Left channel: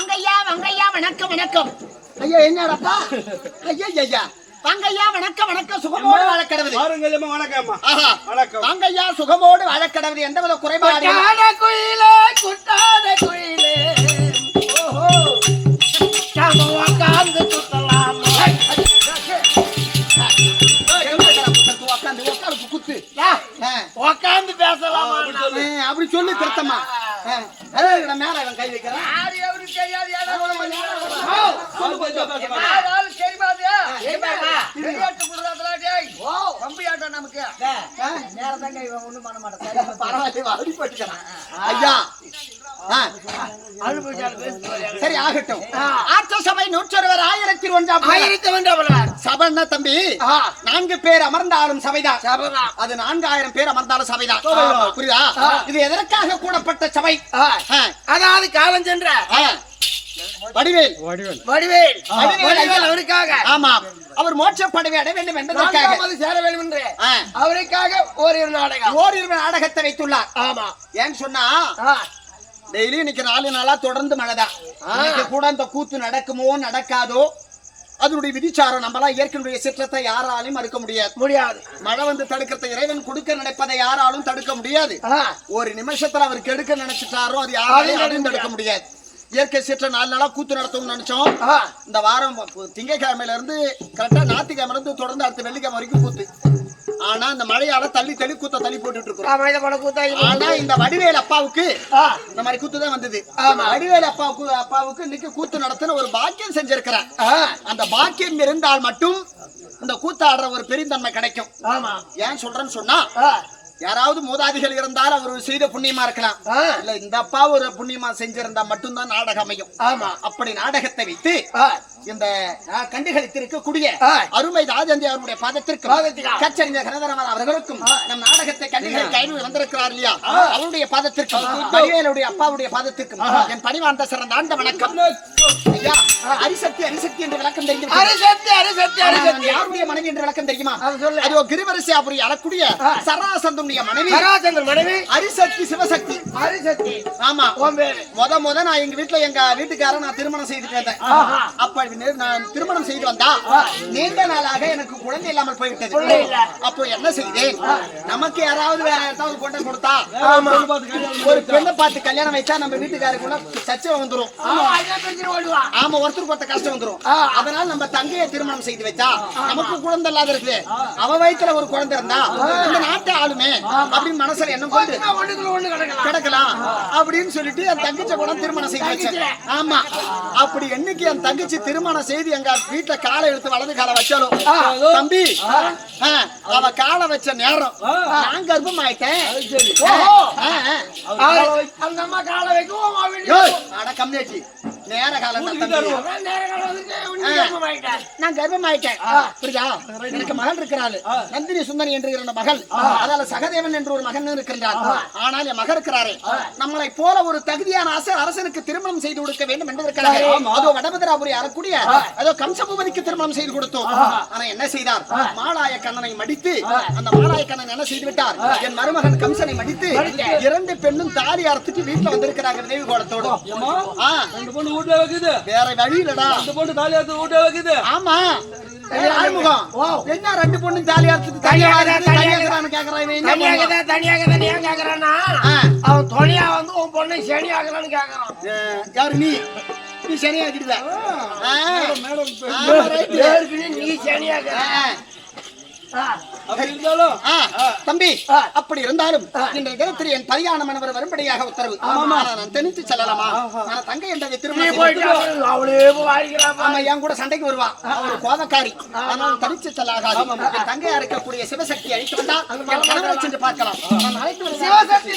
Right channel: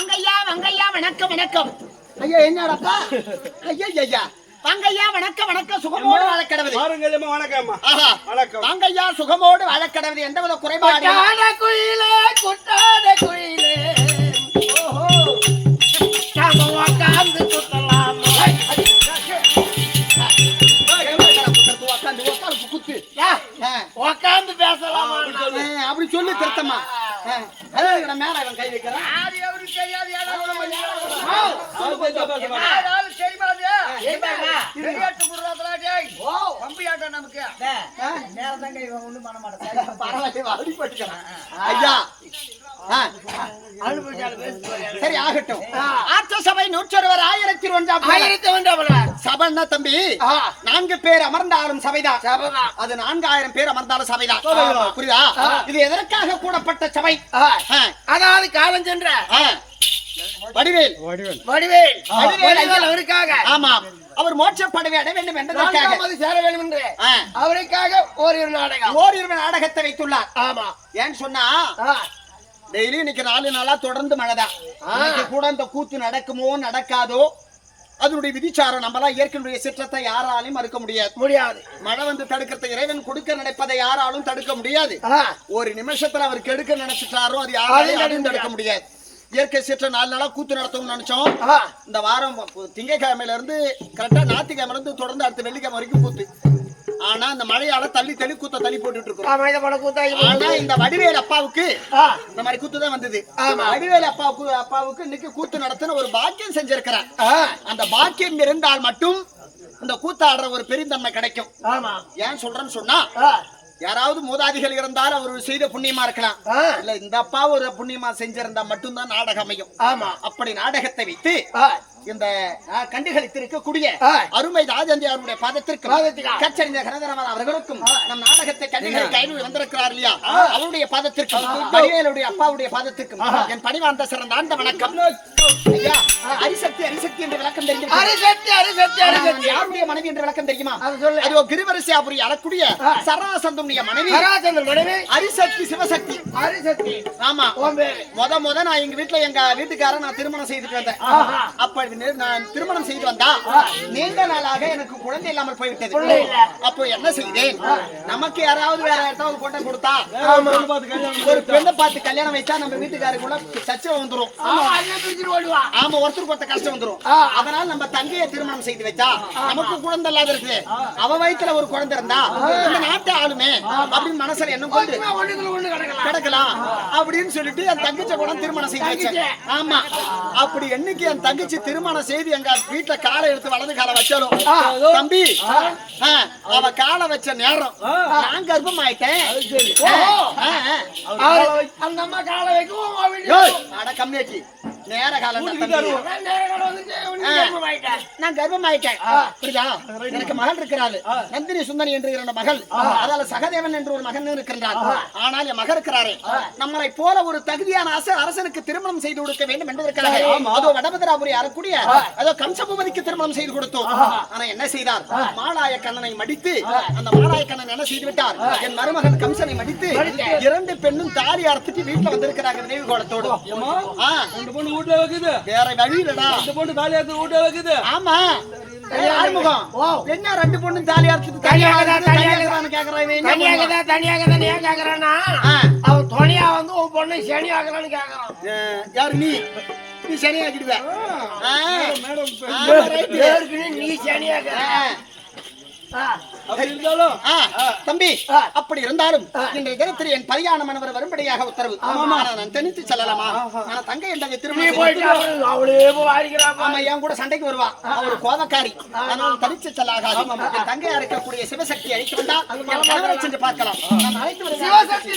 வாங்கய்யா வாங்கய்யா வணக்கம் வணக்கம். ஐயா என்னடாப்பா? ஐயா ஐயா வாங்கய்யா வணக்கம் வணக்கம். சுகமோடு வாழக்கடவுது. வணக்கம் வணக்கம். வாங்கய்யா சுகமோடு வாழக்கடவுது. எந்தவித குறைபாடு குயிலே குட்டாத குயிலே ஓஹோ உட்காந்து சுத்தலாம். உட்காந்து பேசலாம் அப்படி சொல்லி திருத்தமா மேல கை வைக்கிறான். சரி ஆகட்டும். ஆட்சி சபை 101 சபைன்னா தம்பி 4 பேர் அமர்ந்தாலும் சபைதான். அது 4000 பேர் அமர்ந்தாலும் சபைதான். புரியுதா? இது எதற்காக கூடப்பட்ட சபை? அதாவது காலம் சென்ற வடிவேல் அவருக்காக. ஆமா, அவர் மோட்சப்படவே அடைய வேண்டும் என்பதற்காக சேர வேண்டும் என்று அவருக்காக ஓரிரு நாடகத்தை வைத்துள்ளார். ஆமா, ஏன்னு சொன்னா டெய்லி இன்னைக்கு 4 நாளா தொடர்ந்து மழைதான். இன்னைக்கு கூட அந்த கூத்து நடக்குமோ நடக்காதோ அதனுடைய விதிச்சாரம். நம்மளாம் இயற்கையுடைய சிற்றத்தை யாராலையும் மறுக்க முடியாது. மழை வந்து தடுக்கிறத இறைவன் கொடுக்க நினைப்பதை யாராலும் தடுக்க முடியாது. ஒரு நிமிஷத்துல அவர் கெடுக்க நினைச்சிட்டாரோ அது யாராலையும் தடுக்க முடியாது. இயற்கை சீற்ற 4 நாளா கூத்து நடத்தணும்னு நினைச்சோம். இந்த வாரம் திங்கட்கிழமையில இருந்து கரெக்டா ஞாயிற்றுக்கிழமை இருந்து தொடர்ந்து அடுத்த வெள்ளிக்கிழமை வரைக்கும் கூத்து. ஆனா இந்த மழையால தள்ளி கூத்த தள்ளி போட்டுட்டு இருக்கோம். ஆனா இந்த வடிவேல் அப்பாவுக்கு இந்த மாதிரி கூத்து தான் வந்தது. வடிவேல் அப்பாவுக்கு இன்னைக்கு கூத்து நடத்தின ஒரு பாக்கியம் செஞ்சிருக்கிறார். அந்த பாக்கியம் இருந்தால் மட்டும் இந்த கூத்தாடுற ஒரு பெருந்தன்மை கிடைக்கும். ஏன் சொல்றேன்னு சொன்னா யாராவது மூதாதிகள் இருந்தால் அவர் செய்த புண்ணியமா இருக்கலாம். இல்ல இந்த அப்பா ஒரு புண்ணியமா செஞ்சிருந்தா மட்டும்தான் நாடகம் அமையும். அப்படி நாடகத்தை வைத்து இந்த கண்டுகளித்திருக்கக்கூடிய அருமை ராஜந்தியாருடைய பாதத்திற்கும் கச்சறிஞர் கனதரவன் அவர்களுக்கும் நம் நாடகத்தை கண்டுகளை கைது வந்திருக்கிறார் இல்லையா, அவருடைய பாதத்திற்கும் வடிவேலுடைய அப்பாவுடைய பாதத்திற்கும் என் பணிவார்ந்த சிறந்த ஆண்ட வணக்கம். ஐயா, அரிசக்தி என்று விளக்கம் தெரியும். யாருடைய மனைவி என்று விளக்கம் தெரியுமா? அது கிரிவரிசையாபுரி அழக்கூடிய சராசந்தம் மனைவி அரிசக்தி சிவசக்தி. ஆமா, முத நான் எங்க வீட்டுக்காரன் நான் திருமணம் செய்துட்டு வந்தேன். அப்ப நான் திருமணம் செய்து வந்தா நீண்ட நாளாக எனக்கு குழந்தை இல்லாமல் போய்விட்டது. அப்போ என்ன செய்தேன், நமக்கு யாராவது வேற யாராவது கொண்டு கொடுத்தா ஒரு பெண்ணை பார்த்து கல்யாணம் வைச்சா நம்ம வீட்டுக்காரருக்குள்ள சச்சை வந்துரும். ஆமா, ஒருத்தருக்கு ஒருத்த கஷ்டம் வந்துரும். அதனால நம்ம தங்கையை திருமணம் செய்து வச்சா நமக்கு குழந்தை இல்லாத இருக்கு, அவ வயிற்றுல ஒரு குழந்தை இருந்தா இந்த நாட்டை ஆளுமே அப்படின்னு மனசுல என்ன கொண்டு கிடக்கலாம் அப்படின்னு சொல்லிட்டு என் தங்கச்சி கூட திருமணம் செய்து வச்சேன். ஆமா, அப்படி என்னைக்கு என் தங்கச்சி திருமணம் செய்து எங்க வீட்டுல காலை எடுத்து வலது காலை வச்சாலும் தம்பி அவ காலை வச்ச நேரம் நான் கர்ப்பம் ஆயிட்டேன். கம்மியாச்சு நேர காலம் நான் கர்ப்பம் ஆயிட்டேன். புரியுதா? எனக்கு மகள் இருக்கிறாள், நந்தினி சுந்தரி என்று 2 மகள். அதால சகதேவன் என்று ஒரு மகன் இருக்கிறார். ஆனால் என் மகன் இருக்கிறாரே, நம்மளை போல ஒரு தகுதியான அரசனுக்கு திருமணம் செய்து கொடுக்க வேண்டும் என்பதற்காக அதோ வடபதிராபுரி அறக்கூடிய அதோ கம்சபூபதிக்கு திருமணம் செய்து கொடுத்தோம். ஆனா என்ன செய்தார், மாலாய கண்ணனை மடித்து அந்த மாலாய கண்ணன் என்ன செய்து விட்டார், என் மருமகன் கம்சனை மடித்து 2 பெண்ணும் தாலி அறுத்துட்டு வீட்டுல வந்திருக்கிறாங்க நினைவு கோலத்தோடு. வேற வழி இல்லடா, 2 பொண்ணு தாலி அறுத்து வீட்டுல வைக்குது. ஆமா, ஆறுமுகம் என்ன 2 பொண்ணும் தாலி அறுத்துட்டு தனியாக கேக்குறான்னா அவன் துணையா வந்து உன் பொண்ணு சனி ஆகலான்னு கேக்குறான். யாரு நீ சனி ஆக்கிடுவ? நீ சனி ஆக தம்பி. அப்படி இருந்தாலும் இன்றைய தினத்தில் என் பரியாண மனவர் வரும்படியாக உத்தரவு. நான் தனித்து செல்லலாமா? நான் தங்கை என்ற திருமணம் என் கூட சண்டைக்கு வருவா, அவர் கோபக்காரி. ஆனால் தனித்து செல்லாகாது. என் தங்கையா இருக்கக்கூடிய சிவசக்தி அழைத்து வந்தால் என் கணவரை சென்று பார்க்கலாம். நான் அழைத்து சிவசக்தி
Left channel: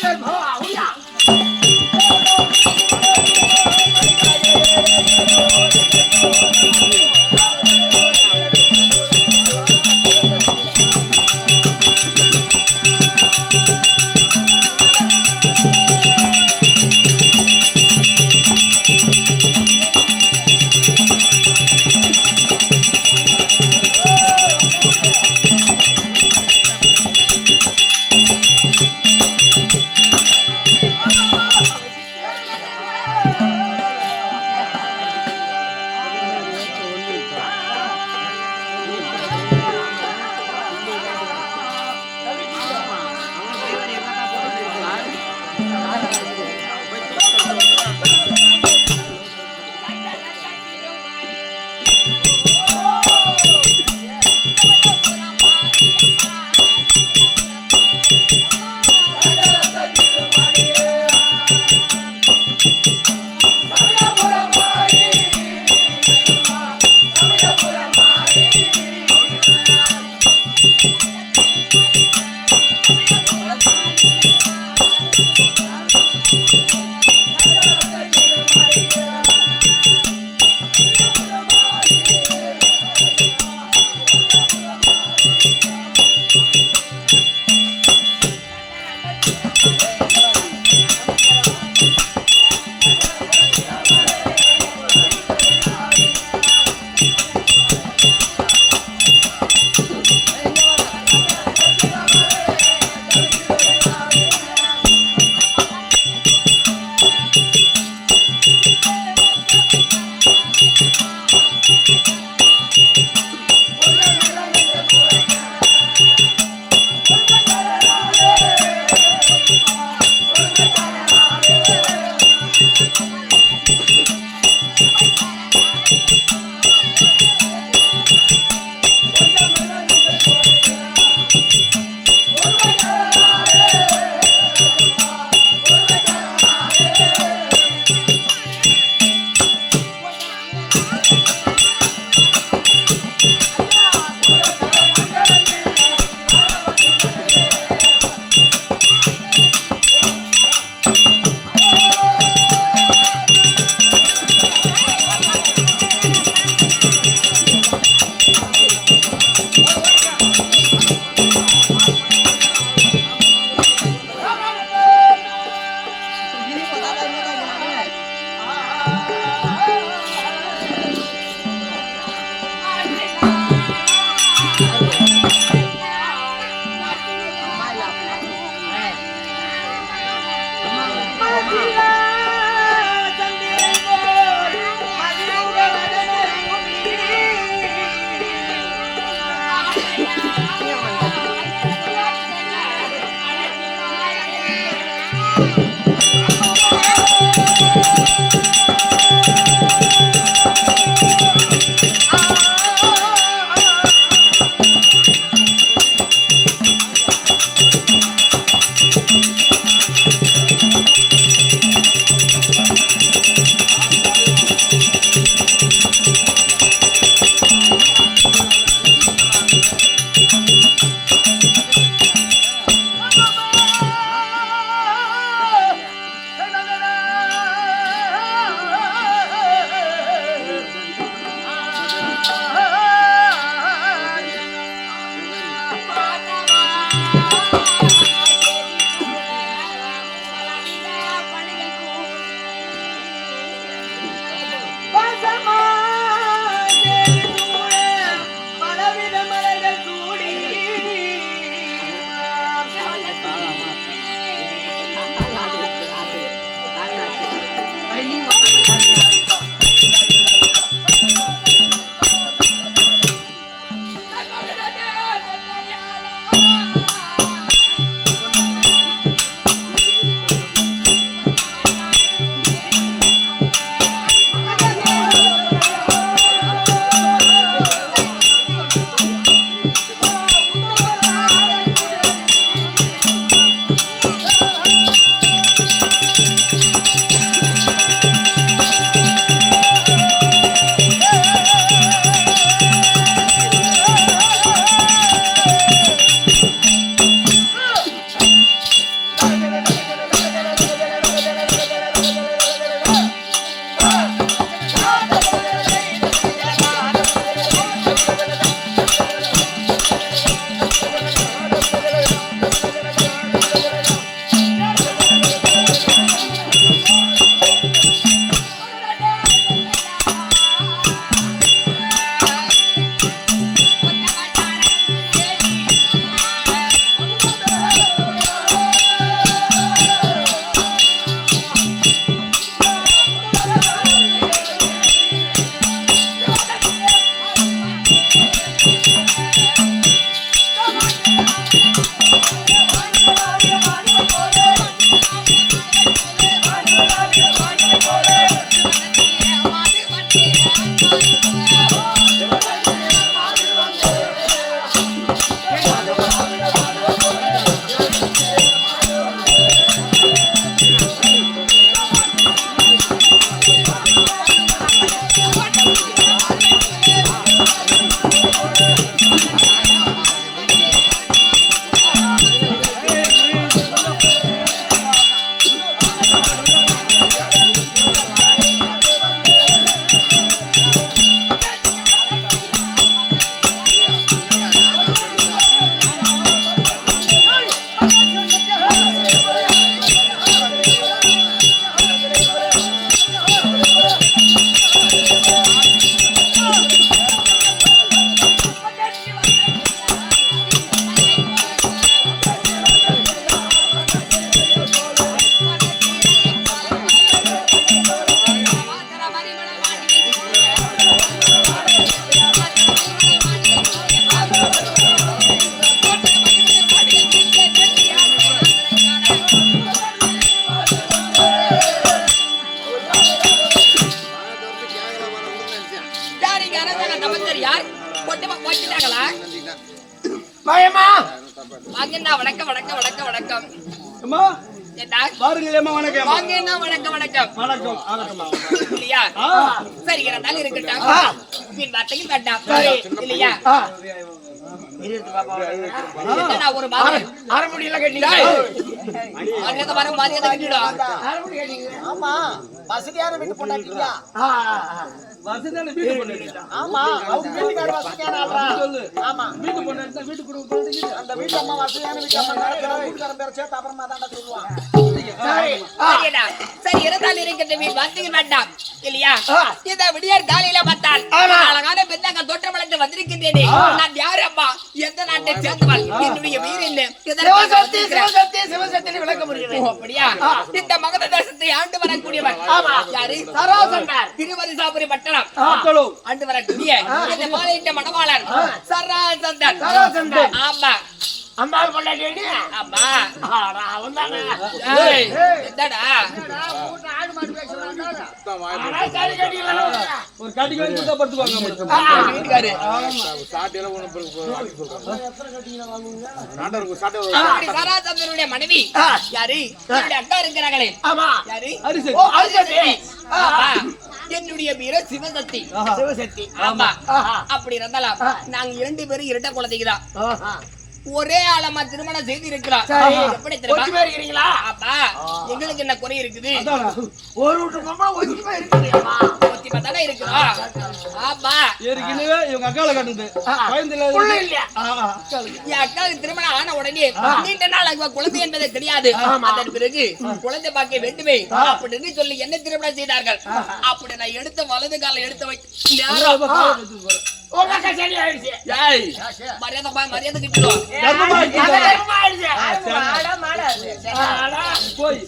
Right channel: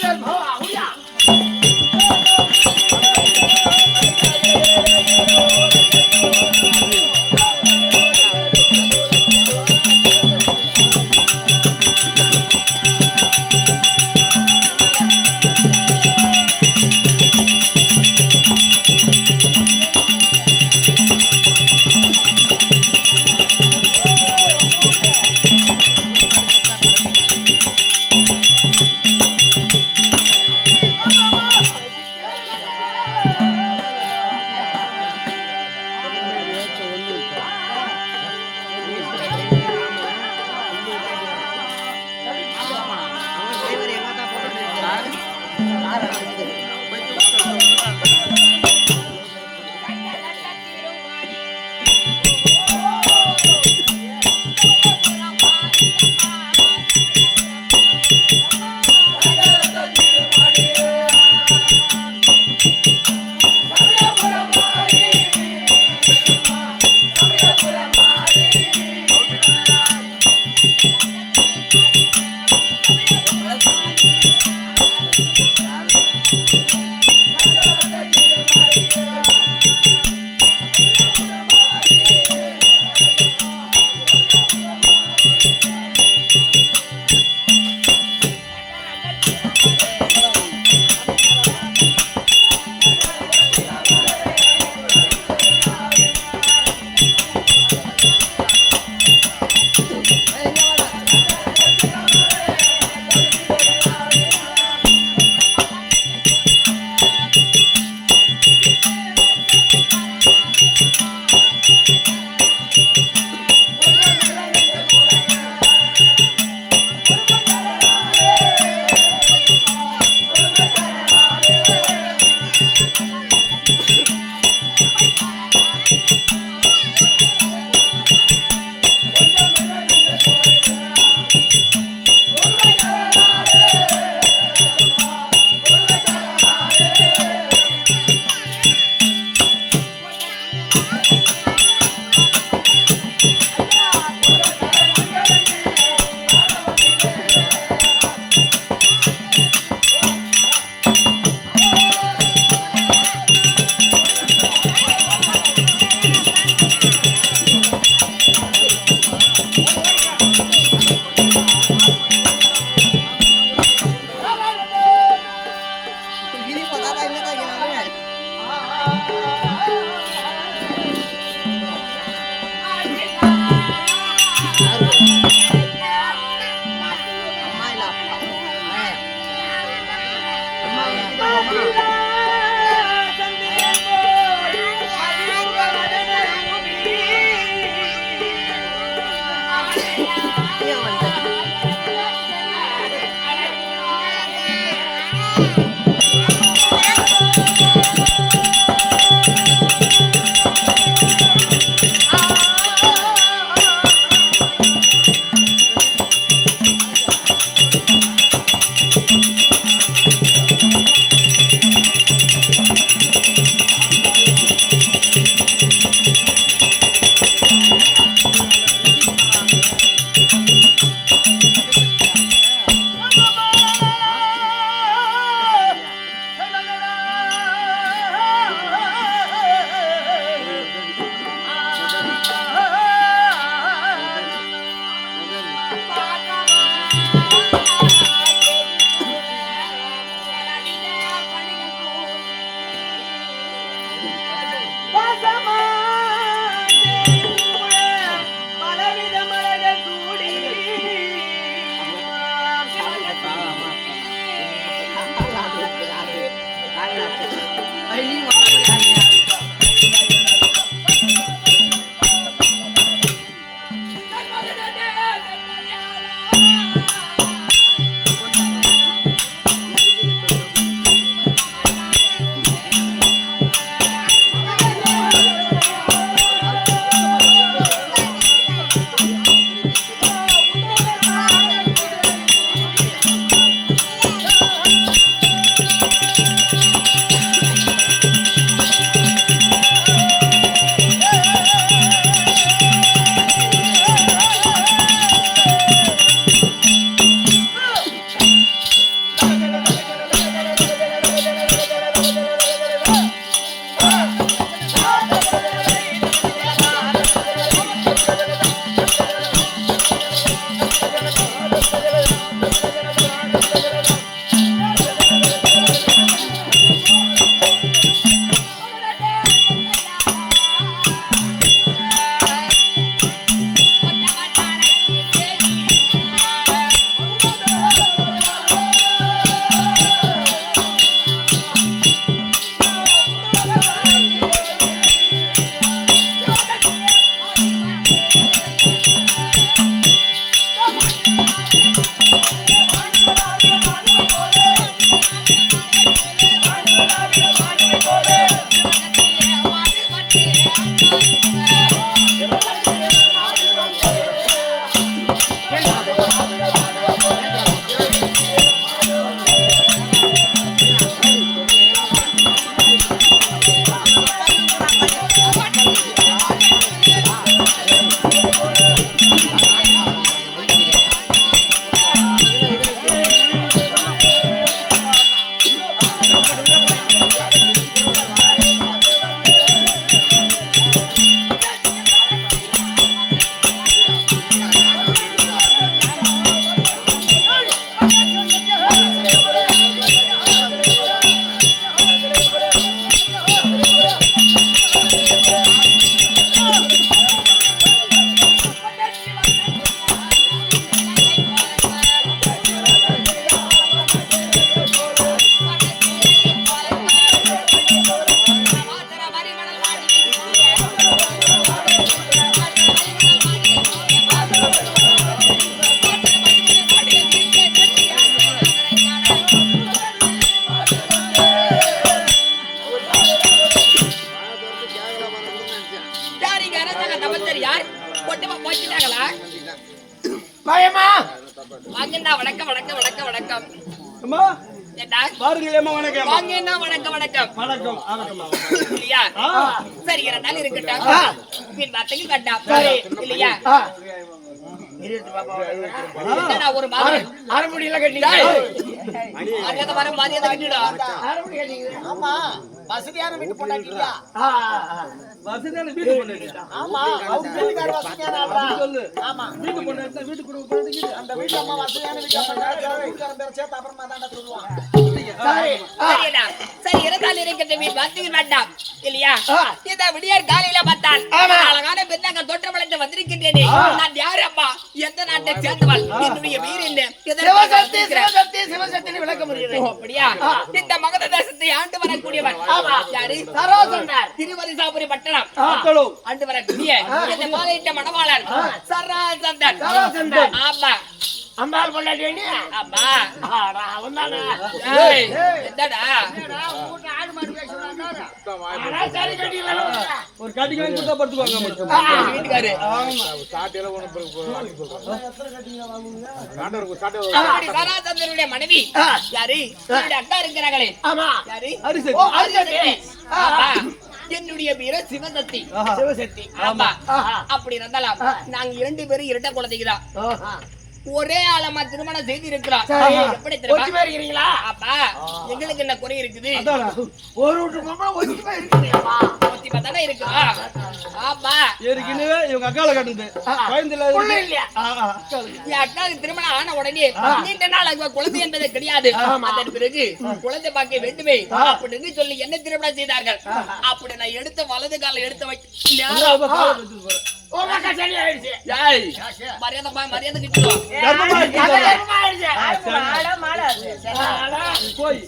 வீட்டுக்கு யாராவது தமத்தர் யார் கொட்டமா போச்சுட்டாங்களா? பயமா வாங்கண்ணா வணக்கம் வணக்கம் வணக்கம் வணக்கம். அம்மா ஏண்டா பாருங்களேம்மா வணக்கம். வாங்கண்ணா வணக்கம் வணக்கம் வணக்கம் ஆகட்டும்மா. இல்லையா? சரி இருந்தாலும் இருக்கட்டும். வீண் வார்த்தைக்கு வேண்டாம் இல்லையா? ஒரு மாதிரி அரைமுடியில கட்டிங்க மரியாதை வர மரியாதை கட்டிடும். ஆமா வசதியான வீட்டு பொண்டாட்டியா? வசதியான வீட்டு பொண்ணு. ஆமா அவங்க வீட்டுக்கார வசதியான ஆளா? சொல்லு. ஆமா வீட்டு பொண்ணு எடுத்தா வீட்டு குடும்ப பொண்ணு. அந்த வீட்டு அம்மா வசதியான வீட்டு அம்மா வீட்டுக்காரன் பேர சேர்த்து அப்புறமா தாண்டா சொல்லுவான். சரிடா சரி இருந்தாலும் இருக்கட்டும். வீண் வார்த்தைக்கு வேண்டாம் இல்லையா? இதை விடியார் காலையில பார்த்தால் அழகான பெண்ணாங்க தோற்றம் வளர்ந்து வந்திருக்கின்றேனே. நான் யாரு அப்பா? எந்த நாட்டை சேர்ந்தவள்? என்னுடைய வீடு என்ன? சிவசக்தி விளக்க முடியுது. அப்படியா? இந்த மகத தேசத்தை ஆண்டு வரக்கூடியவன் யாரு? திருவரிசாபுரி பட்டணம் ஆண்டு வரக்கூடிய இந்த மாலையிட்ட மணவாளன் சராசந்தன். ஆமா அம்பாள் பொண்டாட்டி வேண்டி ஆமா அவன் தானே என்னடா ஒரு கட்டிக்கு கொடுத்தா படுத்துவாங்க வீட்டுக்காரு. சராசந்தனுடைய மனைவி யாரு? என்னுடைய அக்கா இருக்கிறாங்களே யாரு? என்னுடைய பேரு சிவசக்தி. சிவசக்தி ஆமா அப்படி இருந்தாலும் நாங்க 2 பேரும் இரட்டை குழந்தைக்குதான் ஒரே ஆளமா திருமணம் செய்து இருக்கிறோம். எப்படி தெரியுமா? அப்பா எங்களுக்கு என்ன குறை இருக்குது? ஒரு வீட்டு பொம்பளை ஒத்திமா இருக்கிறீங்களா? ஒத்திமா தானே இருக்குதா? ஆமா ஏற்கனவே இவங்க அக்கால கட்டுது குழந்தைல இல்லையா? என் அக்காவுக்கு திருமணம் ஆன உடனே நீண்ட நாள் குழந்தை என்பது கிடையாது. அதன் பிறகு குழந்தை பார்க்க வேண்டுமே அப்படின்னு சொல்லி என்ன திருமணம் செய்தார்கள். அப்படி நான் எடுத்த வலது கால எடுத்து மரியாதை கிட்டுவோம். போய்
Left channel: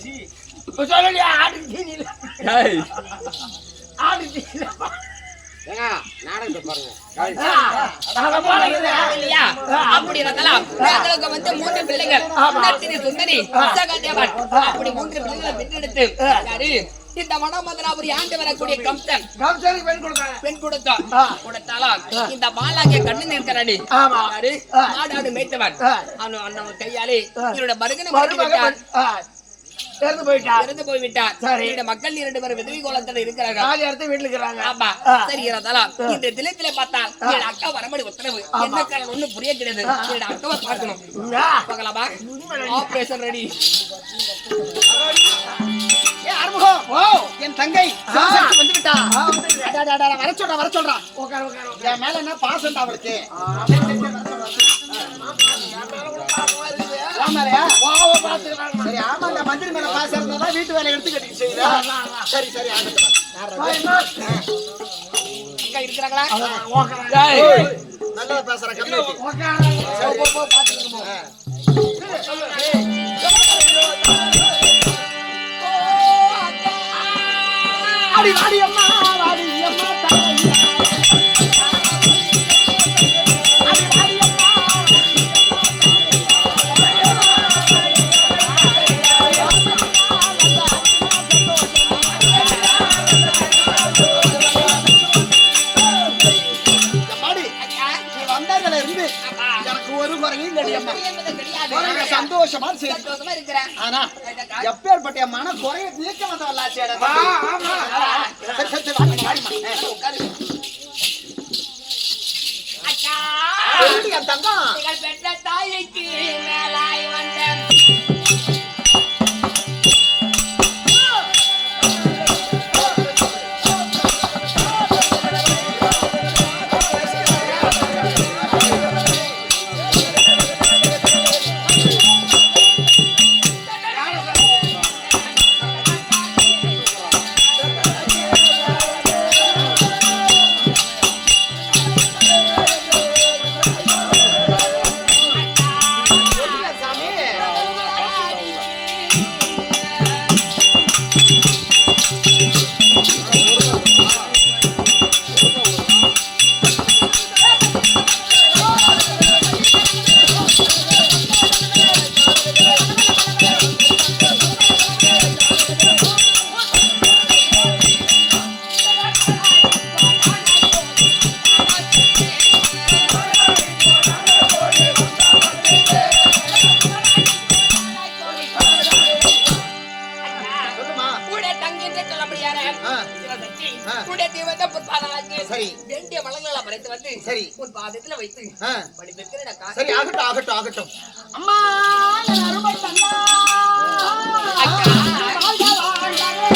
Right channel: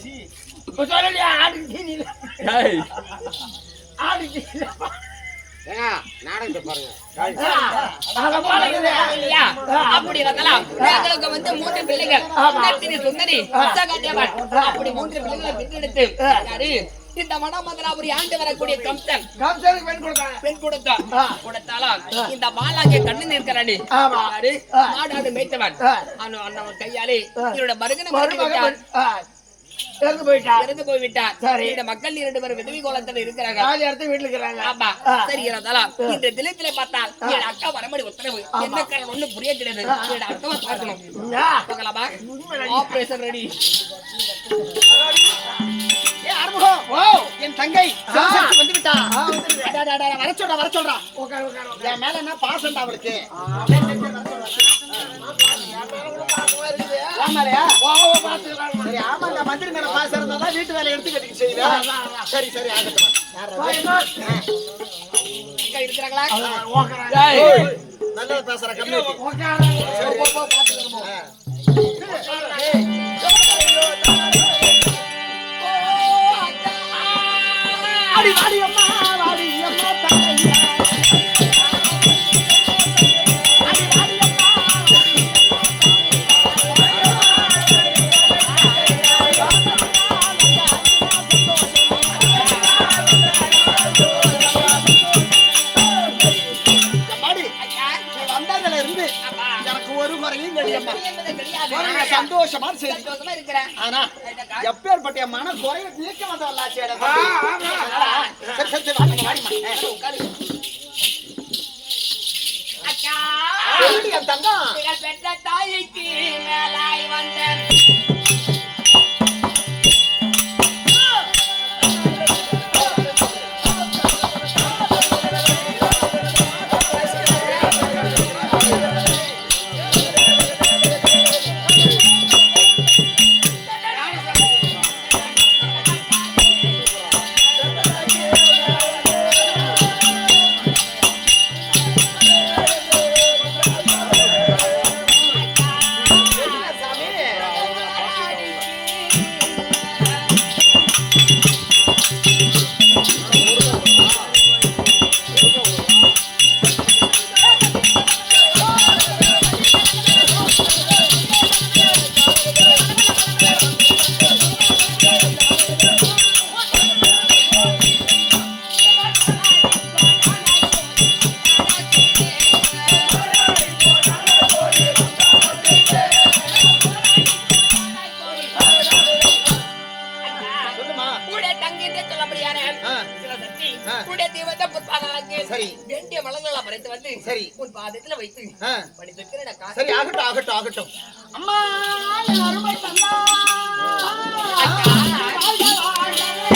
அப்படி இருந்தாலும் எங்களுக்கு வந்து 3 பிள்ளைகள் சுந்தரி சகாதேவன் அப்படி 3 பிள்ளைகளை பெற்றெடுத்து யாரு இந்த மனமதனாபுரி ஆண்டு வரக்கூடிய கம்சன் பெண் கொடுத்தாலும் இந்த மாலாங்க கண்ணு நிற்கிறானே மாடாடு மேய்த்தவன் அவன் கையாலே இவரோட மருகனை இறந்து போய்விட்டார். மக்கள் 2 பேரும் விதவி கோலத்தில் இருக்கிறாங்க. வீட்டுல இருக்கிறாங்க. ஆமா சரி இருந்தாலும் இந்த தினத்திலே பார்த்தால் என் அக்கா வரம்படி உத்தரவு என்ன காரணம் ஒண்ணு புரிய கிடையாது. என் அக்காவை பார்க்கணும். பார்க்கலாமா? Operation ready. என் தங்கை வந்து விட்டா. வர சொல்றா. என் மேல என்ன பாசம் அவளுக்கு? சரி ஆமா இந்த மந்திரி மேல பாசம் இருந்தாதான் வீட்டு வேலை எடுத்து கட்டி செய்யுதா? சரி சரி இருக்கிறாங்களா? நல்லதா பேசுற கம்மி வாடி அம்மா தங்கை எனக்கு ஒரு குறையும் கிடையாது. சந்தோஷமா இருக்கிறேன். ஆனா எப்பேற்பட்ட மன குறைய நீக்க வந்தவல்லாச்சு. தங்கம் பெற்ற தாய்க்கு மேலாய் வந்தேன். அழைத்து வந்து சரி. உன் பாதத்துல வைத்து ஆ. படித்திருக்கிறேன் சரி ஆகட்டும் ஆகட்டும் ஆகட்டும். அம்மா என் அருமை தந்தா அக்கா. வாழ்க வாழ்கவே.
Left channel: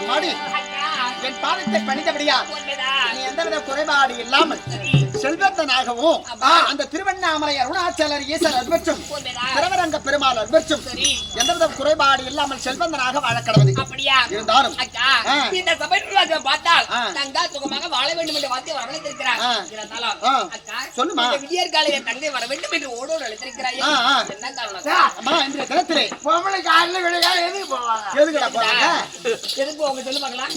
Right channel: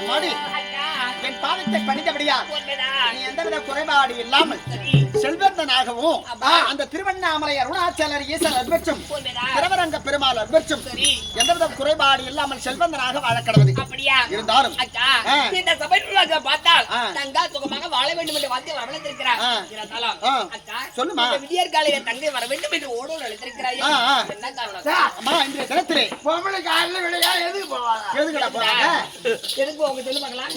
அம்மாடி, என் பாதத்தை பணிந்தபடியா நீ எந்தவித குறைபாடு இல்லாமல் செல்வந்தனாகவும் அந்த திருவண்ணாமலை அருணாச்சலர் ஈசர் அற்பற்றும் திருவரங்க பெருமாள் அற்பற்றும் எந்தவித குறைபாடு இல்லாமல் செல்வந்தனாக வாழ கடவுது. அப்படியா இருந்தாலும் அக்கா இந்த சபைக்குள்ளாக பார்த்தால் தங்கா சுகமாக வாழ வேண்டும் என்று வார்த்தை வரவழைத்திருக்கிறார். இருந்தாலும் அக்கா சொல்லுமா. இந்த விடியற் காலையில் தங்கை வர வேண்டும் என்று ஓடோடு அழைத்திருக்கிறாய். என்ன காரணம் அக்கா? அம்மா, இன்றைய தினத்திலே பொம்பளை காலையில விளையாட எதுக்கு போவாங்க? எதுக்குடா போறாங்க? எதுக்கு போங்க சொல்லு பார்க்கலாம்.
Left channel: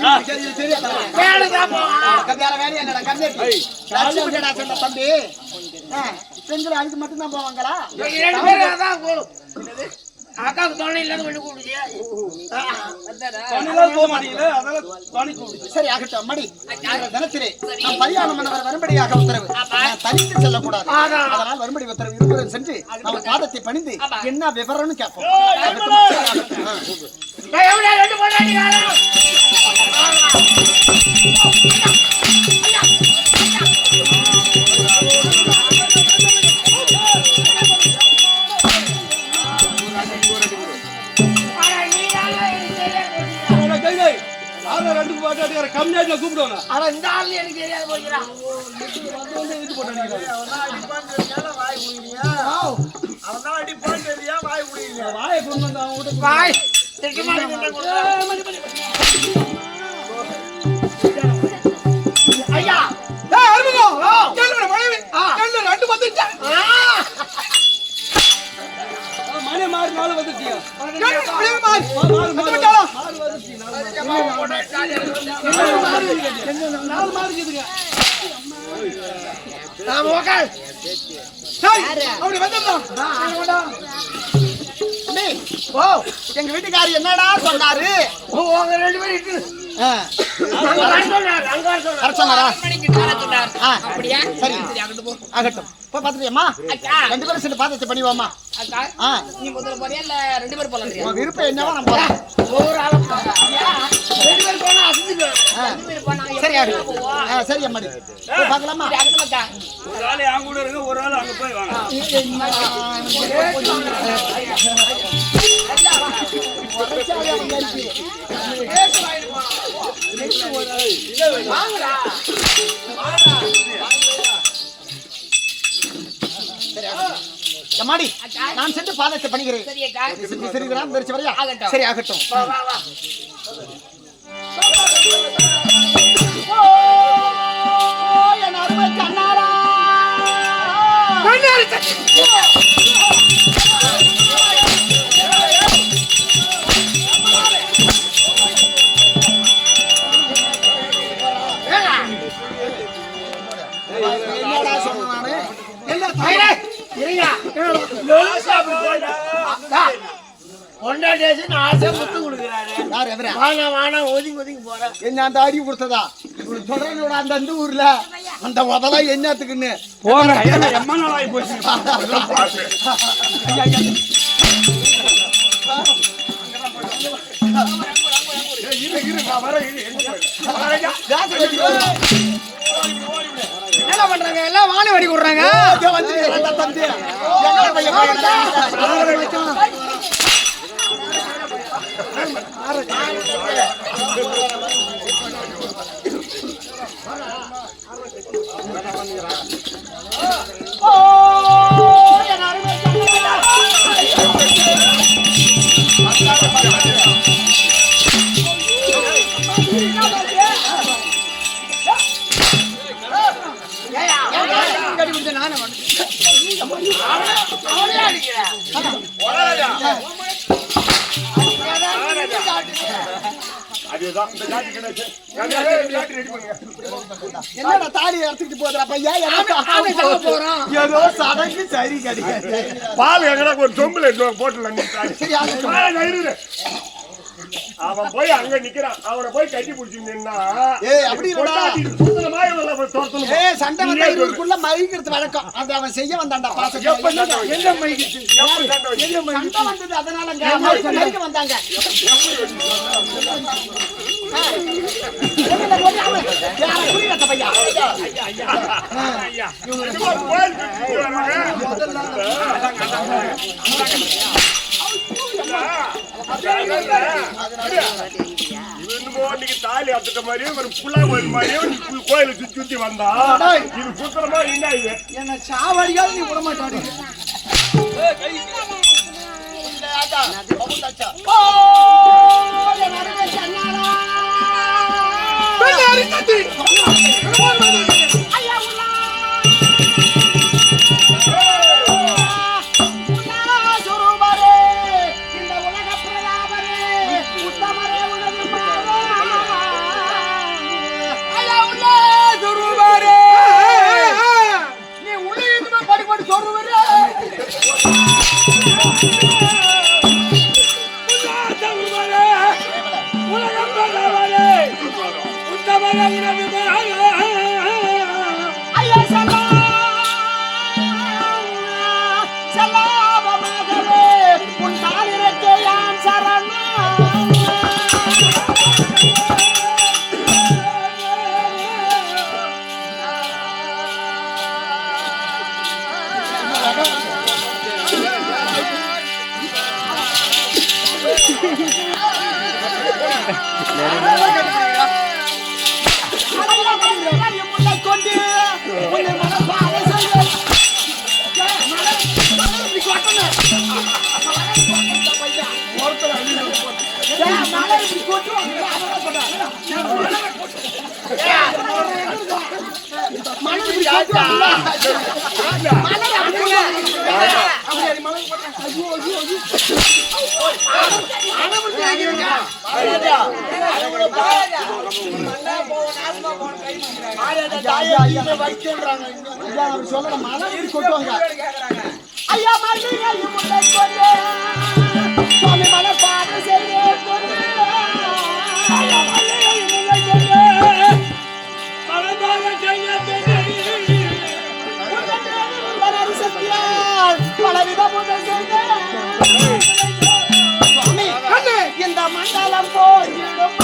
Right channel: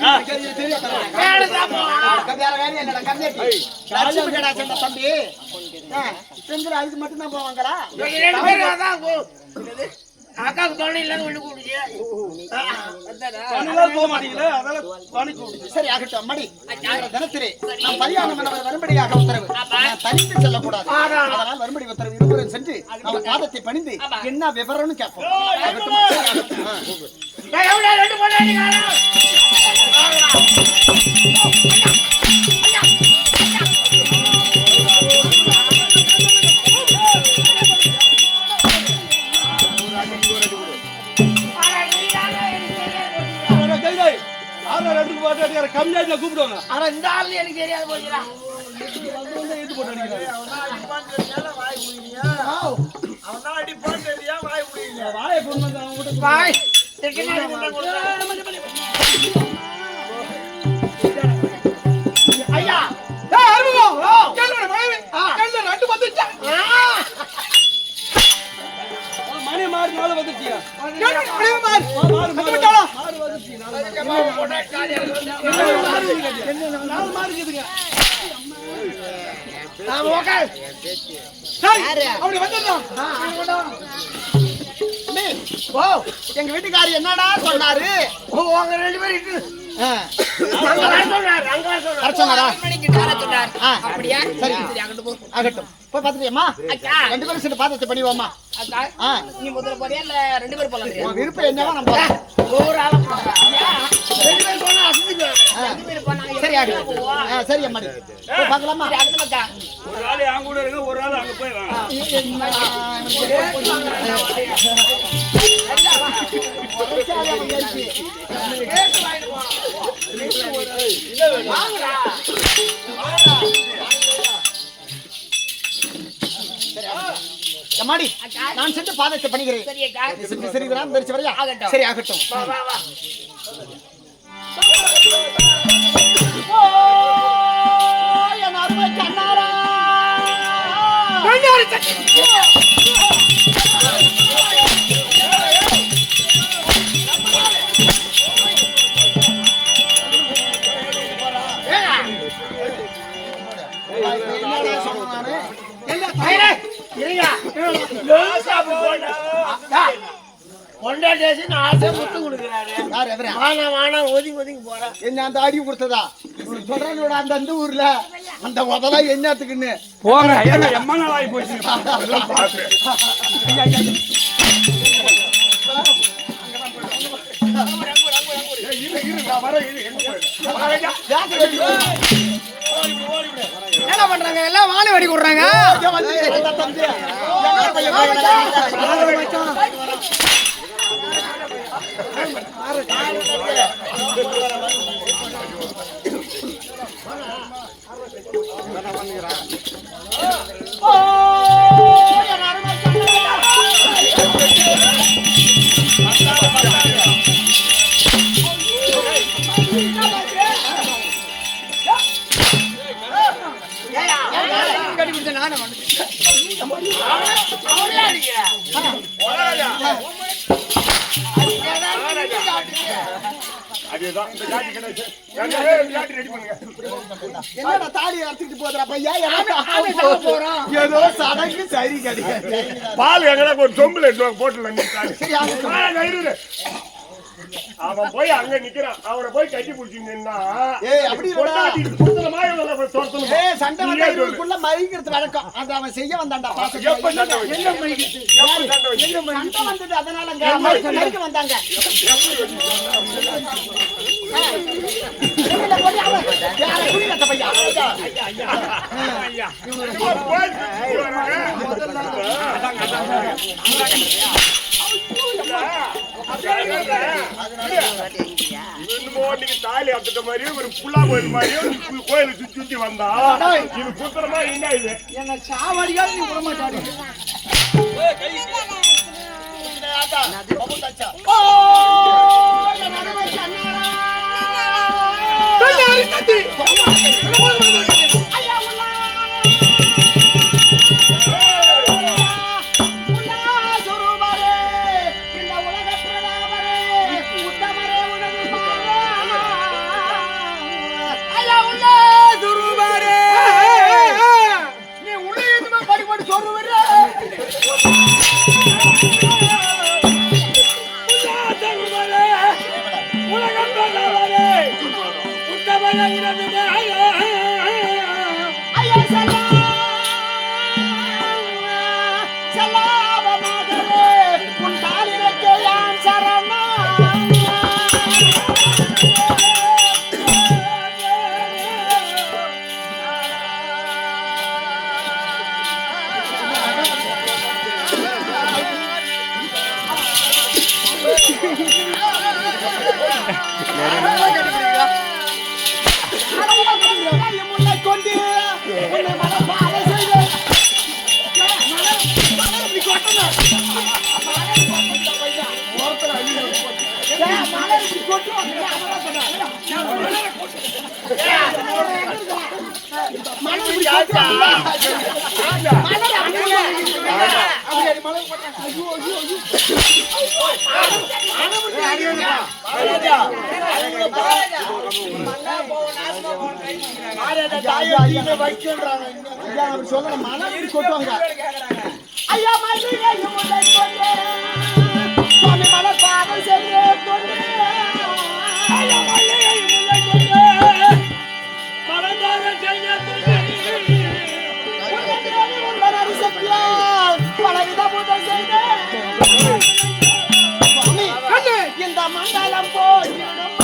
வேலைதான் போவாங்க. வேற வேலையா இல்லடா கம்மியாட்டி. லட்சுமி கடா சொன்ன தம்பி. பெண்கள் அதுக்கு மட்டும் தான் போவாங்களா? ரெண்டு பேரும் அதான் அக்காவுக்கு துணை இல்லாத கொண்டு கூடுச்சு. தண்ணிலாம் போக மாட்டீங்களே, அதெல்லாம் தண்ணி கூப்பிடுச்சு. சரி ஆகட்டும் அம்மாடி. இன்றைய தினத்திலே நாம் பரியாணம் பண்ணவர் வரும்படியாக உத்தரவு. நான் தனித்து செல்லக்கூடாது. அதனால் வரும்படி உத்தரவு இருவரும் சென்று நம்ம பாதத்தை பணிந்து என்ன விவரம்னு கேட்போம். ஆகட்டும். சரி, ஆகட்டும். ரெண்டு பொண்ணு காலம் ரெண்டுக்கு பாட்டு அடிக்கிற கம்மியாட்டில கூப்பிடுவாங்க. ஆனா இந்த ஆள் எனக்கு தெரியாது போகிறான். வந்து இது போட்டு அடிக்கிறாரு. வாயை கொண்டு வந்து அவங்க கிட்ட வாய் ஐயா மணி மாறி நாள் வந்துட்டியா? அப்படி வந்துடலாம். ஓ, எங்க வீட்டுக்காரர் என்னடா சொன்னாரு? ரெண்டு பேரும் அப்படியா? சரி ஆகட்டும். போய் பாத்துட்டியம்மா? அக்கா ரெண்டு பேரும் சேர்ந்து பாதத்தை பண்ணிவோமா? அக்கா நீ முதல்ல போறியா இல்ல ரெண்டு பேரும் போலாம்? உன் விருப்பம் என்னவோ நம்ம போறோம். ஒரு ஆள ரெண்டு பேரும் போனா சரி ஆகட்டும். சரி அம்மாடி, போய் பார்க்கலாமா? ஒரு ஆள் அவங்க கூட இருங்க, ஒரு ஆள் அங்க போய் வாங்க. அம்மாடி, நான் சென்று பாதத்தை பணிகிறேன். சரி வரையா? ஆகட்டும். சரி ஆகட்டும். என் அருமை கண்ணாரா என்னடா சொன்னானே? பொண்டாட்டி ஆசை முத்து கொடுக்குறாரு. யார் எவரா? வானா ஒதுங்கி ஒதுங்கி போறேன். என்ன அந்த அடி கொடுத்ததா? தொடர்ந்து அந்த ஊர்ல அந்த முதலாம் என்னத்துக்குன்னு போறேன். எம்மா நாள் ஆகி போச்சு. என்ன பண்றாங்க? எல்லாம் வாழை வெடி விடுறாங்க. அதுதான் இந்த காட்டி கிடைச்சு ரெடி பண்ணுங்க. என்னடா தாலி எடுத்துட்டு போதுடா பையா, ஏதோ சடங்கு சரி கிடையாது. பால் எங்கடா ஒரு சொம்புல போட்டுல நீ அவன் போய் அங்க நிக்கிறான், அவனை போய் கட்டி பிடிச்சிங்கன்னா சண்டை மயிக்கிறது வழக்கம். அது அவன் செய்ய வந்தான்டா. எப்ப சண்டை வந்தது அதனால வந்தாங்க. தாலி அத்துட்ட மாதிரியும் ஒரு புல்லா கோயில் மாதிரியும் கோயில சுத்தி வந்தா இது சுத்தரமா என்ன இது என்ன சாவடியாவது நீ விட மாட்டாரு. சொல்ல மலை கொட்டுவாங்க. ஐயா மலை பாதை செய்ய இந்த மண்டலம் போயிடும்.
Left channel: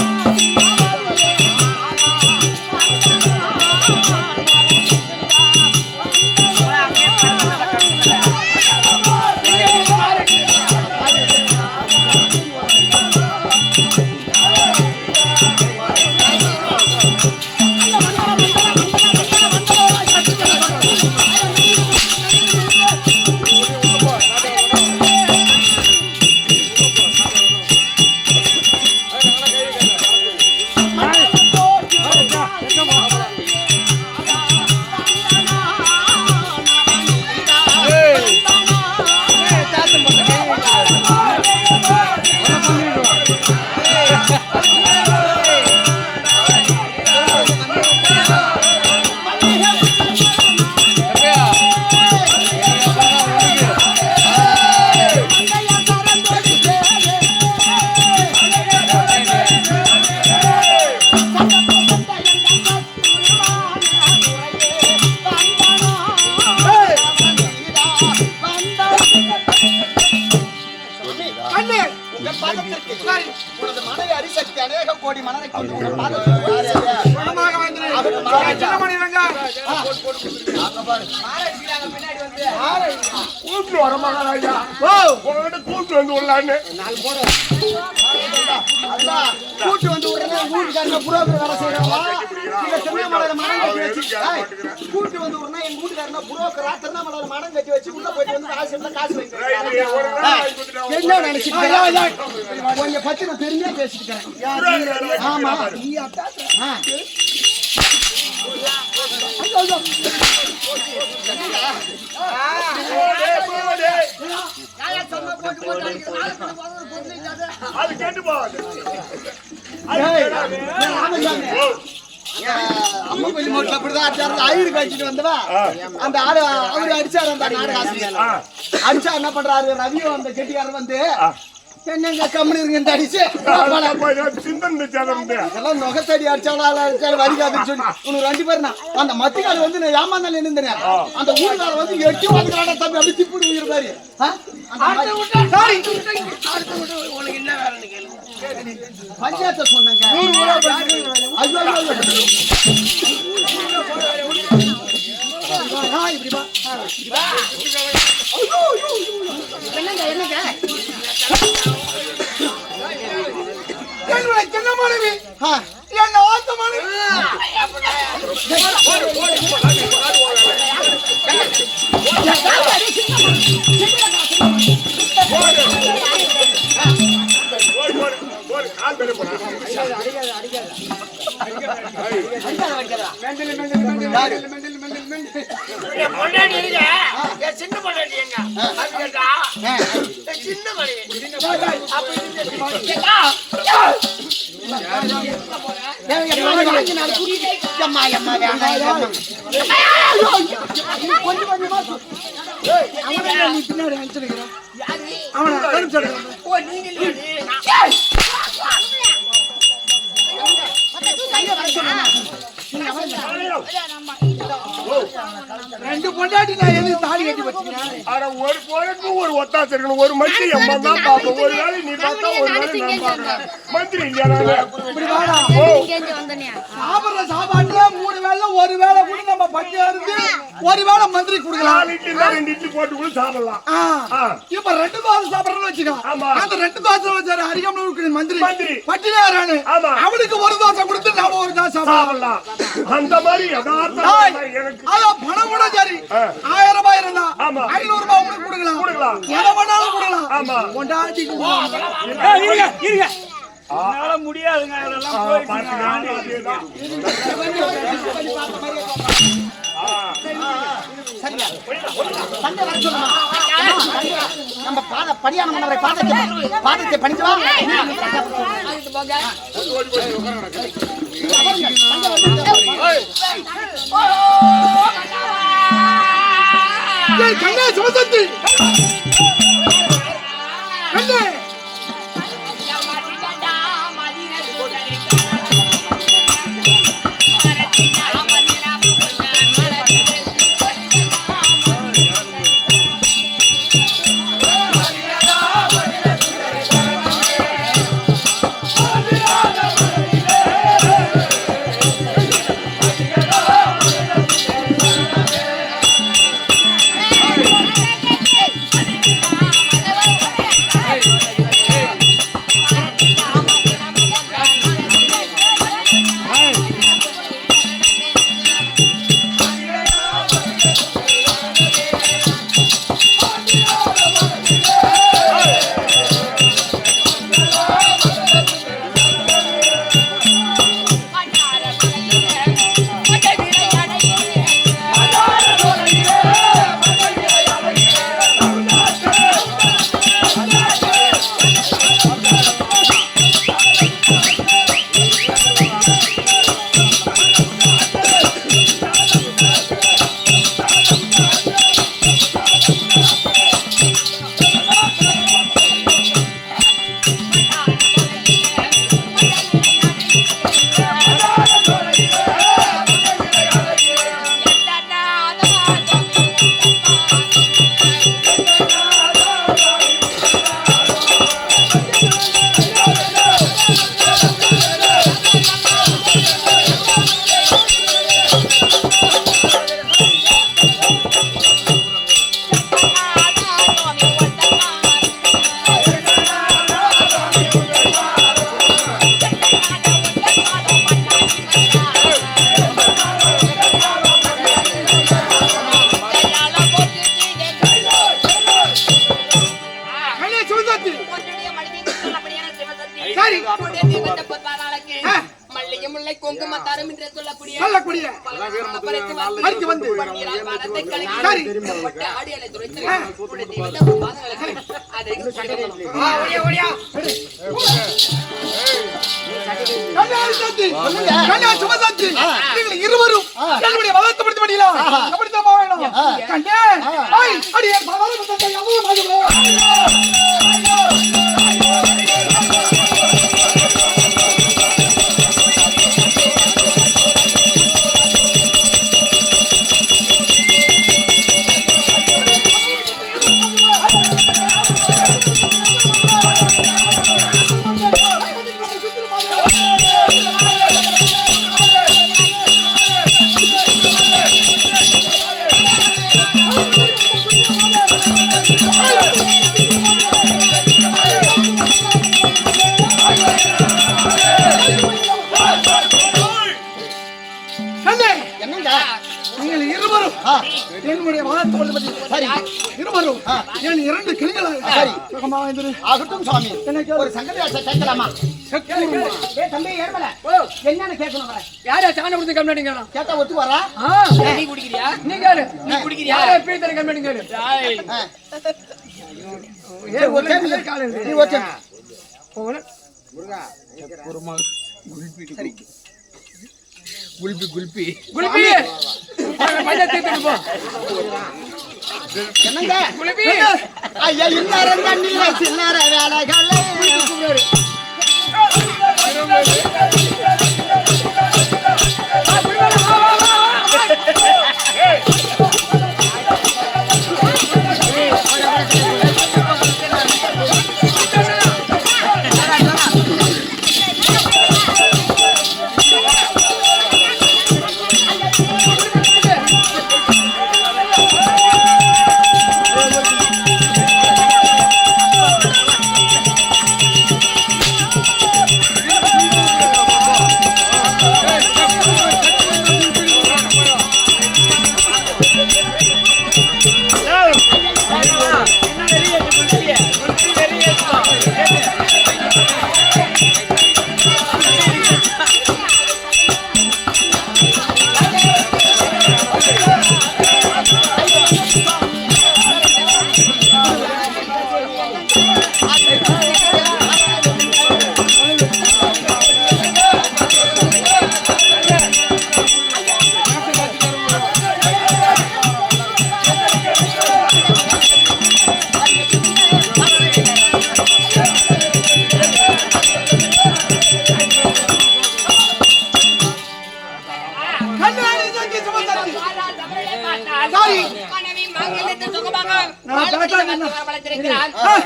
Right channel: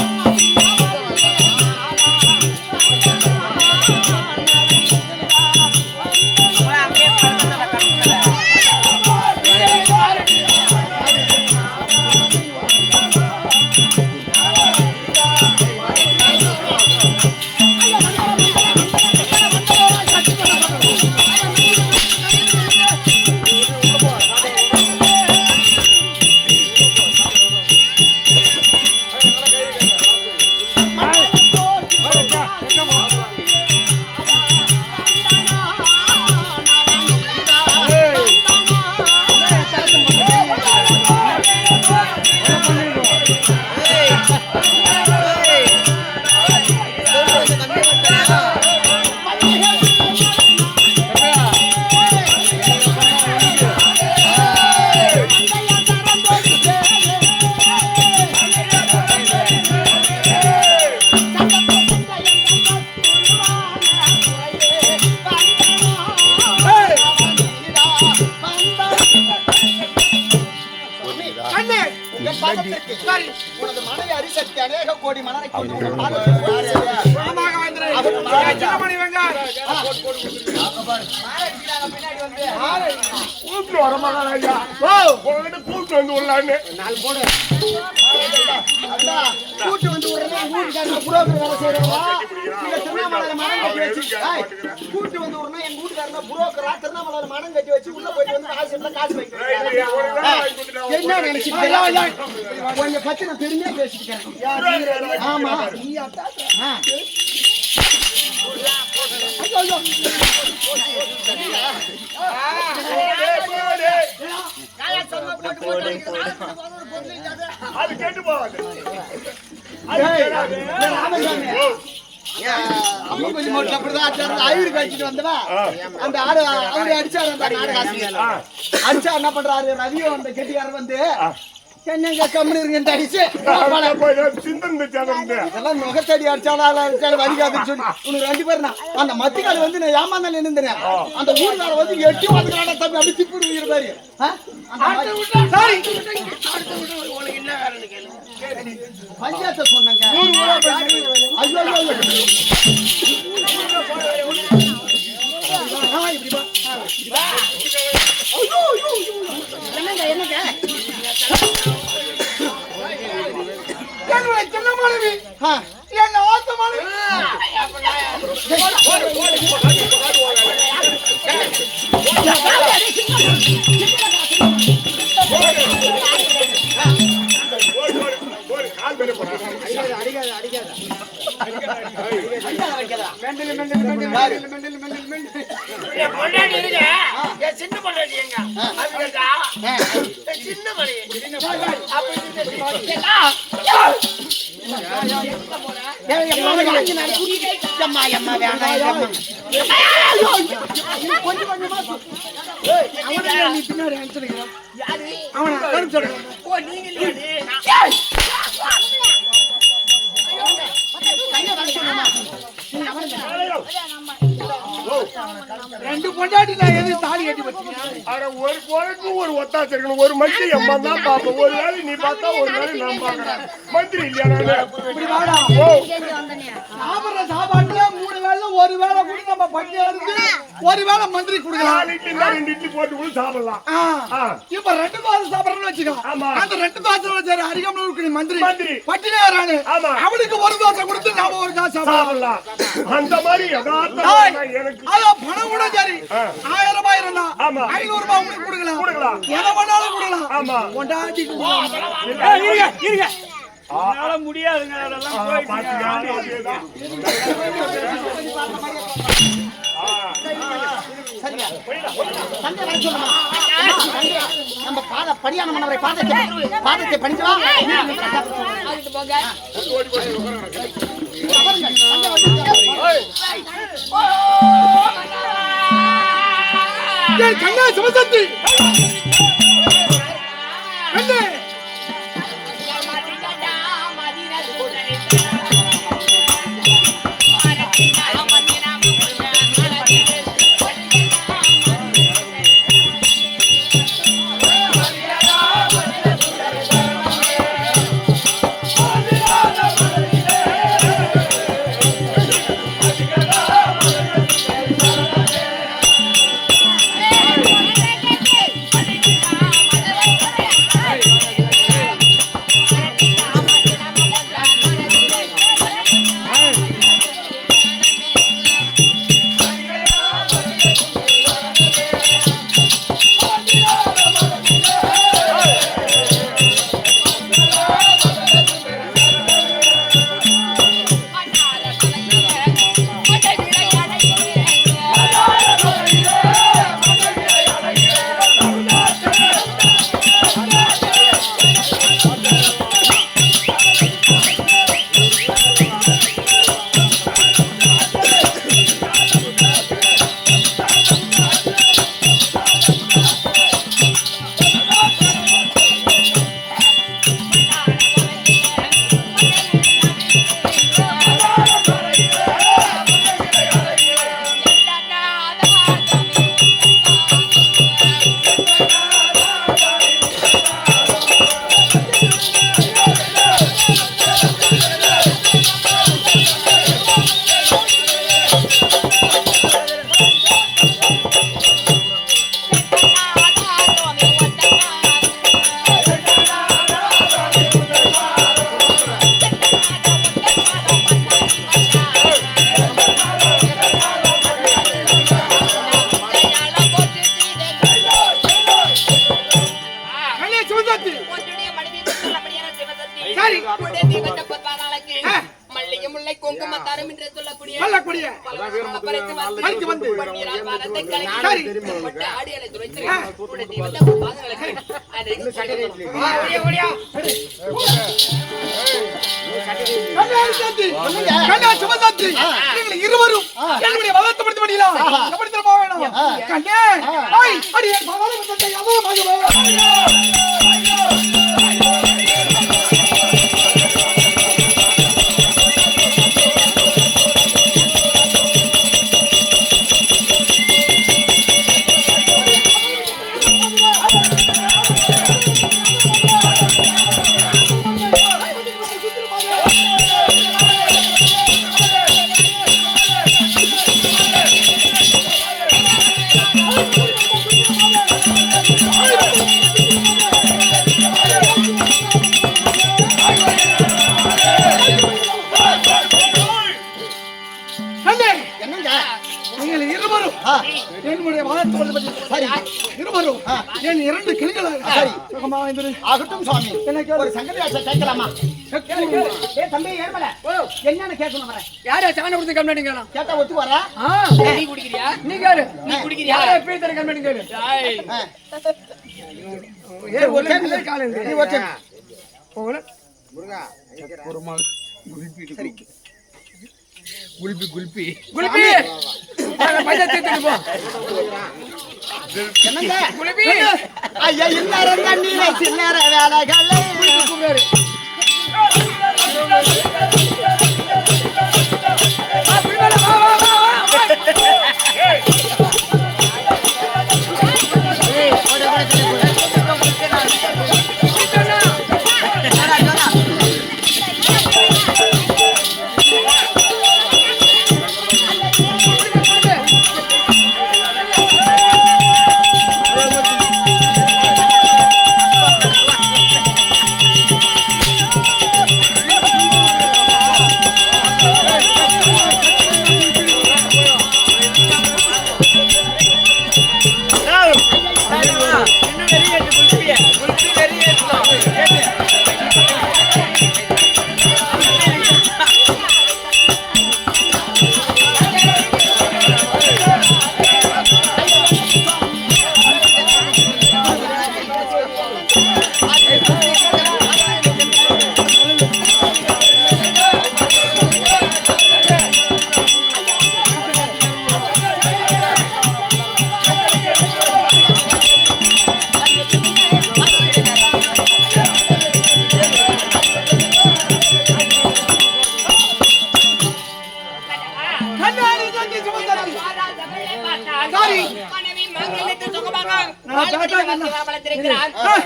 உனது மனைவி அரிசக்தி அநேக கோடி மலரை கொண்டு உங்கள் கூட்டு வர மகாராஜா கூட்டு வந்து உள்ளான்னு கூட்டு வந்து புரோக்கர் வேலை செய்யறவங்க கூட்டு வந்து உடனே எங்க வீட்டுக்காரன புரோக்கரா திருவண்ணாமலை மனம் கட்டி வச்சு உள்ள போயிட்டு வந்து காசு வைக்கிறேன். என்ன நினைச்சுக்கிறேன் உன்னை பத்தி நான் பெருமையா பேசிட்டு. ஆமா நீ அட்டா அது கேட்டு போவாது. அம்மன் மோட்ல அப்படிதான் அடிச்சாரு. ஐயரு கழிச்சிட்டு வந்தவா அந்த ஆடு அவரு அடிச்சாரு. அந்த நாடக ஆசிரியர் அடிச்சா என்ன பண்றாரு? ரவியும் அந்த கெட்டிக்காரர் வந்து என்னங்க கம்மி இருங்க அடிச்சு இதெல்லாம் நுகத்தடி அடிச்சாலும் வலிக்காதுன்னு சொல்லி உனக்கு 2 பேர் அந்த மத்திக்கால வந்து நான் ஏமாந்தாலும் நின்றுந்தேன். அந்த ஊருக்கார வந்து 8 வந்துக்கிறான தம்பி அப்படி திப்பு இருந்தாரு. பஞ்சாயத்தை சொன்னாங்க. என்னங்க என்னங்க சின்ன மாணவி என்ன ஆத்த மாணவி சின்ன பொண்டாட்டி எங்க சின்ன மணி கொஞ்சம் கொஞ்சமா பின்னாடி ரெண்டு பொண்டாட்டி நான் எது தாலி கட்டி வச்சுக்கிறேன். ஒரு பொழுது ஒரு ஒத்தாசை இருக்கணும். ஒரு மந்திரி அம்மா தான் பார்ப்போம். ஒரு வேலை நீ பார்த்தா ஒரு வேலை நான் பார்க்கறேன். மந்திரி இல்லையா? இப்படி வாடா. சாப்பிடுற சாப்பாட்டுல 3 வேளை ஒரு வேளை கூட நம்ம பட்டியா இருந்து ஒரு வேளை மந்திரி கொடுக்கலாம். 4 இட்லி 2 இட்லி போட்டு கூட சாப்பிடலாம். இப்ப 2 தோசை சாப்பிடறன்னு வச்சுக்கோ. அந்த 2 தோசை வச்சாரு அரிகம்ல இருக்கிற மந்திரி பட்டியா இருக்கானே. அவனுக்கு ஒரு தோசை கொடுத்து நாம ஒரு தோசை சாப்பிடலாம். அந்த மாதிரி யதார்த்தமா எனக்கு பணம் கூட சரி 1000 ரூபாய் இருந்தா 500 ரூபாய் உங்களுக்கு கொடுக்கலாம். எதை வேணாலும் கொடுக்கலாம். கொண்டாடி முடியாதுங்க அதெல்லாம் நம்ம படியான மன்னரை பாதத்தை பணிஞ்சா கண்ணா சிவசக்தி கண்ணே கொல்லக்கூடிய பறித்து வந்து மரத்தை கலக்கி பட்டு ஆடியலை துரைத்து உடைய வந்து அவர் பாதங்களுக்கு அதை ஓடியா இருவரும் என்னுடைய வளர்த்து படியா கண்டே அடியே ஒரு சங்கதி கேட்கலாமா? தம்பி ஏர்மல என்னன்னு கேட்கணும் வரேன். யாரா சாணம் கொடுத்து கம்ப்ளைண்ட் கேட்கலாம் கேட்டா ஒத்து வரா? நீ குடிக்கிறியா? நீ கேளு. நீ குடிக்கிறியா? யாரா போய் தர கம்ப்ளைண்ட் கேளு. நீ ஓகே போல ஒரு மால் சரி குல்பி மஜாத்தி போ. என்னங்க குல்பி ஐயா இல்லார தண்ணில சில்லற வேலைகளே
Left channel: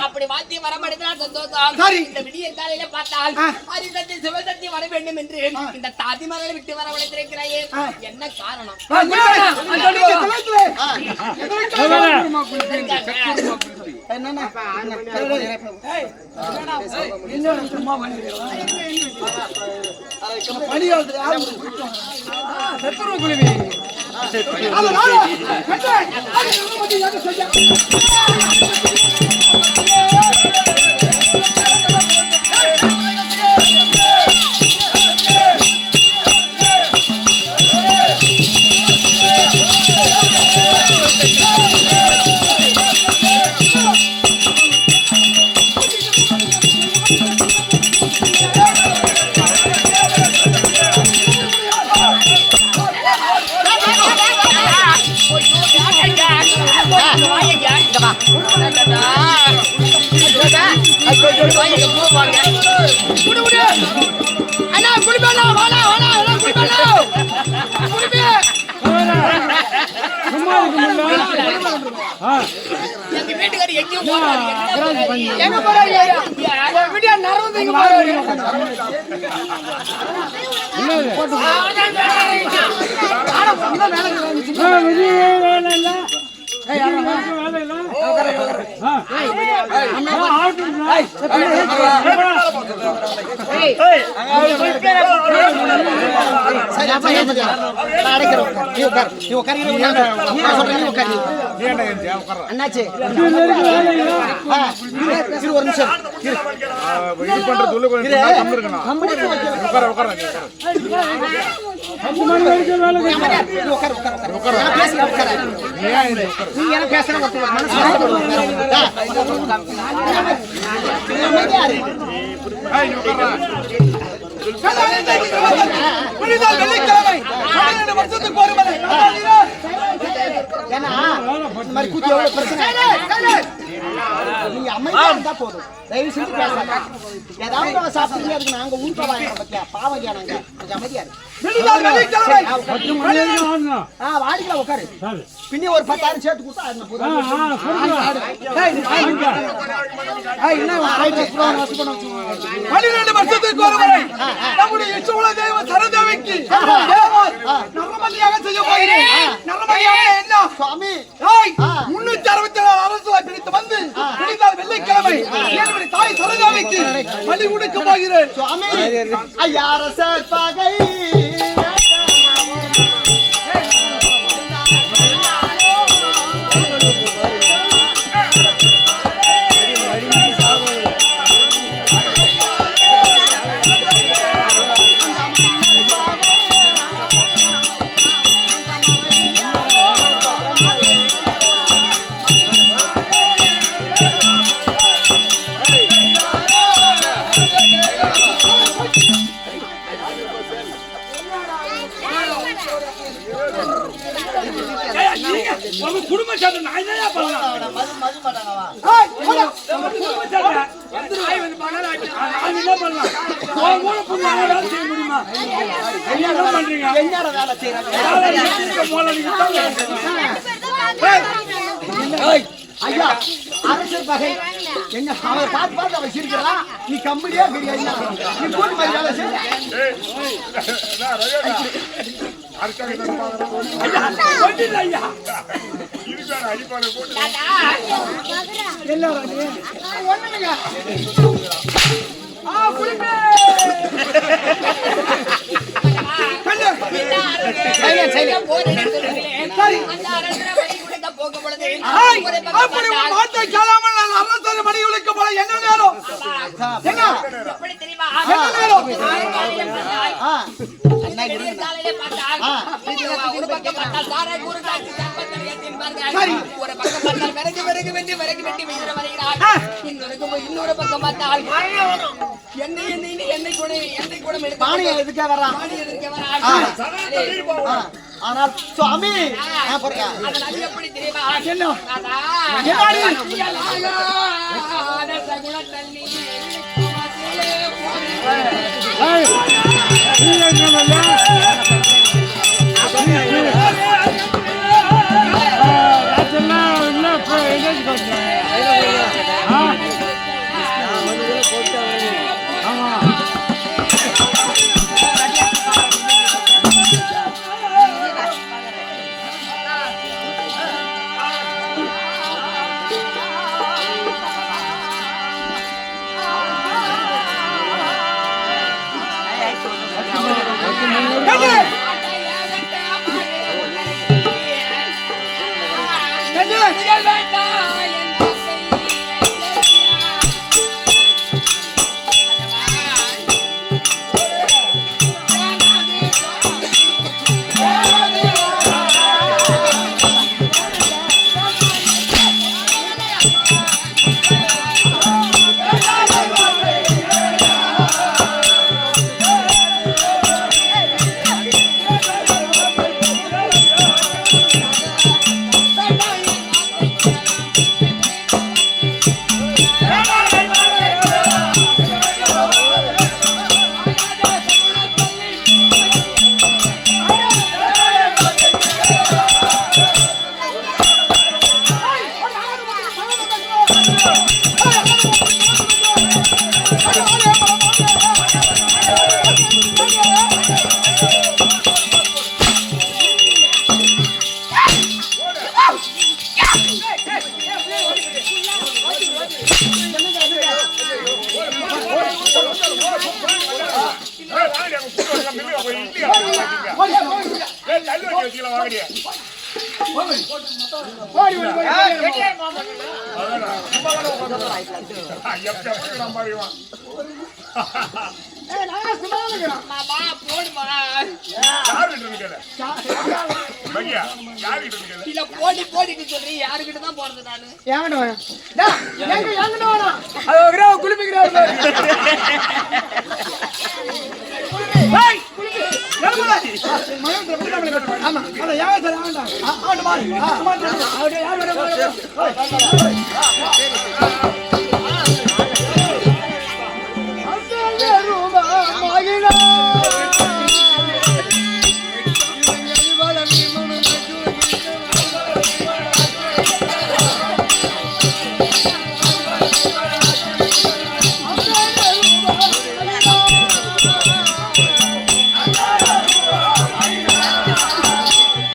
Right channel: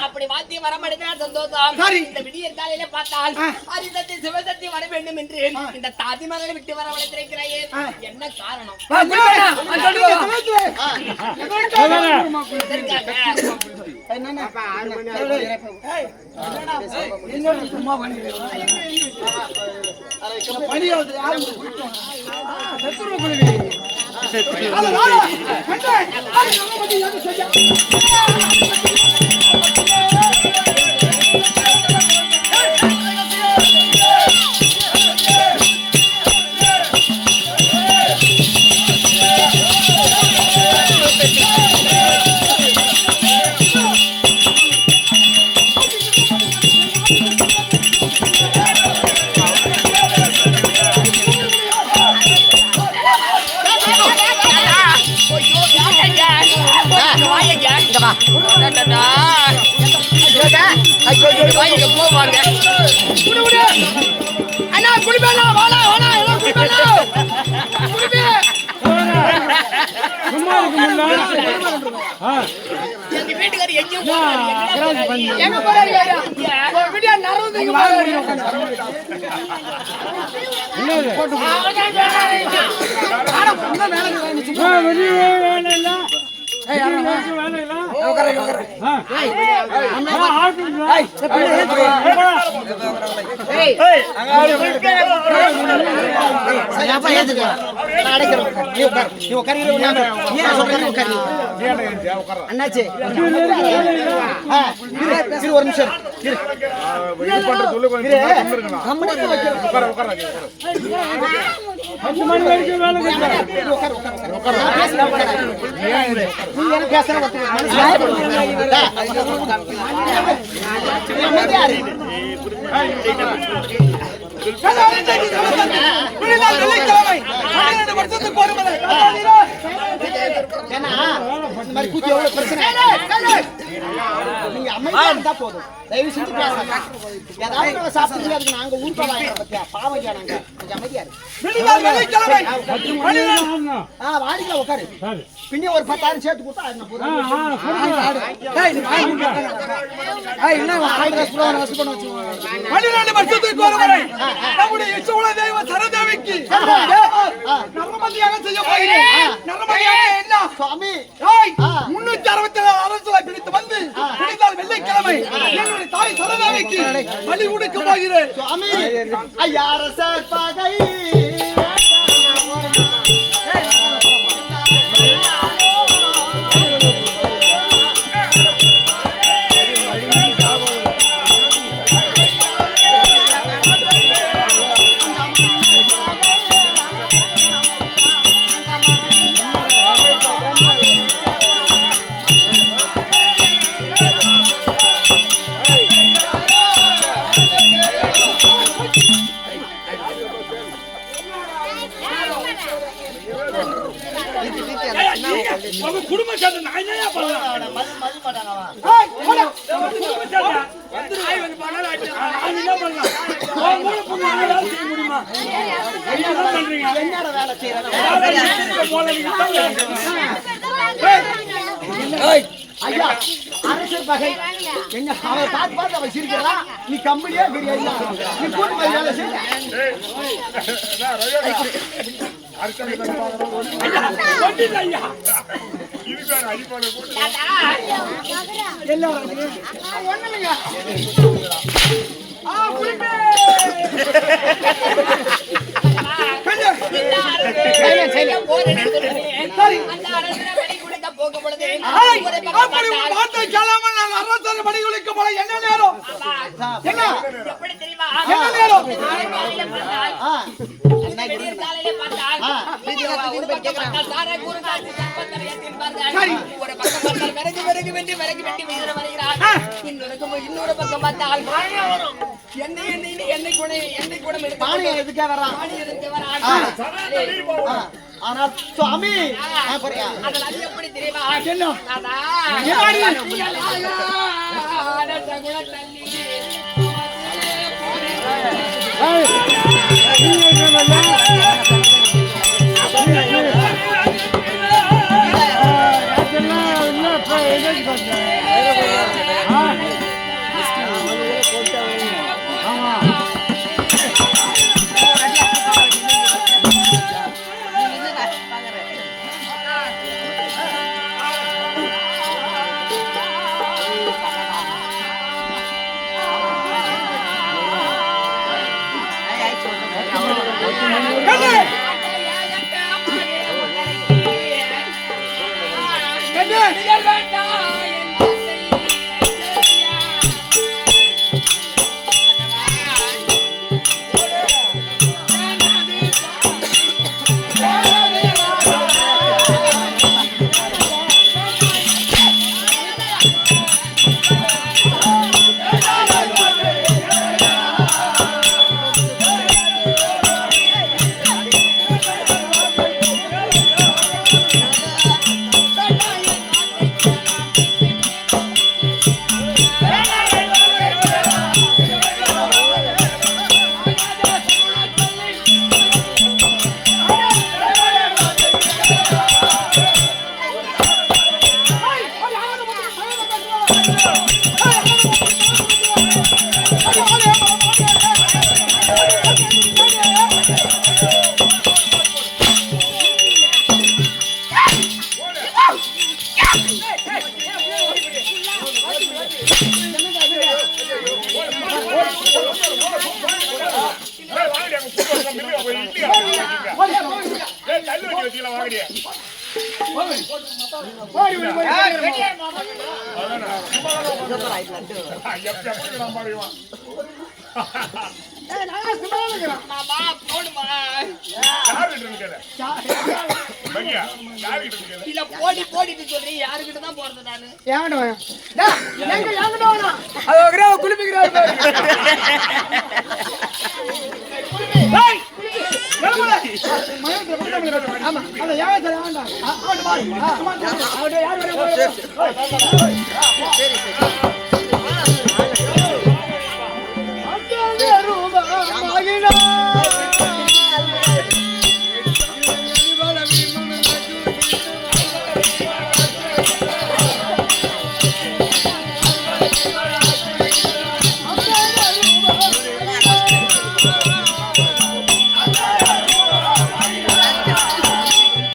அப்படி வாத்தி வரமடைந்தால் சந்தோஷம். இந்த விடியற் காலையில பார்த்தால் ஹரிசக்தி சிவசக்தி வர வேண்டும் என்று இந்த தாதிமகளை விட்டு வரவழைத்திருக்கிறாயே, என்ன காரணம்? எங்க வீட்டுக்காரி எங்கேயும் போறாரு, எங்க போறாரு? அண்ணாச்சி ஒரு நிமிஷம் 10 மணி வரைக்கும் வேலை உட்காரு உட்காரு உட்காரு நான் பேசுறேன் உட்காரு நீ என்ன பேசுற ஒருத்தர் மனசு கஷ்டப்படுவாங்க ஏன்னா இந்த மாதிரி கூத்தி எவ்வளவு பிரச்சனை நீங்க அமைதியா இருந்தா போதும் தயவு செஞ்சு பேசாத ஏதாவது நாங்க சாப்பிட்டு அதுக்கு நாங்க ஊருக்கா வாங்குறோம் பத்தியா பாவம் நாங்க கொஞ்சம் அமைதியா வாடிக்கலாம் உட்காரு பின்னே ஒரு 10,000 சேர்த்து கொடுத்தா வருஷத்துக்கு ஒரு முறை நம்முடைய இஷ்டமுள்ள தெய்வ சரதேவிக்கு நரமதியாக செய்ய போகிறேன். நரமதியாக என்ன சுவாமி 367 அரசுகளை பிடித்து வந்து பிடித்தால் வெள்ளிக்கிழமை என்னுடைய தாய் சரதேவிக்கு பலி கொடுக்க போகிறேன். சுவாமி ஐயா அரசர் பகை உங்க குடும்ப சேர்ந்து நான் என்னையா பண்ணலாம் நான் என்ன பண்ணலாம் உன் கூட பொண்ணு வேலை செய்ய முடியுமா என்ன பண்றீங்க என்னோட வேலை செய்யறது ஐயா அரசர் பகை என்ன அவரை பார்த்து பார்த்து அவன் சிரிக்கிறான் நீ கம்பெனியா தெரியாது நீ போட்டு மாதிரி வேலை செய்ய ஒண்ணுங்க என்ன நேரம் என்ன எப்படி தெரியுமா என்ன நேரம் ஒரு பக்கம் பார்த்தால் சாரை கூறு தாக்கி என்பார்கள். ஒரு பக்கம் பார்த்தால் விறகு விறகு வெட்டி விறகு வெட்டி வீர வருகிறார். இன்னொரு பக்கம் பார்த்தால் எண்ணெய் கூட பாணி எதுக்கே வர்றான் ஆனால் சுவாமி அதனால எப்படி தெரியுமா மாமா போடுமா யாருகிட்ட இருக்கல பையா யாருகிட்ட இருக்கல இல்ல போடிட்டு சொல்றீங்க யாருக்கிட்ட தான் போறது நானு குளிப்பிக்கிறாரு ஆமா அத யாரு வேண்டாம்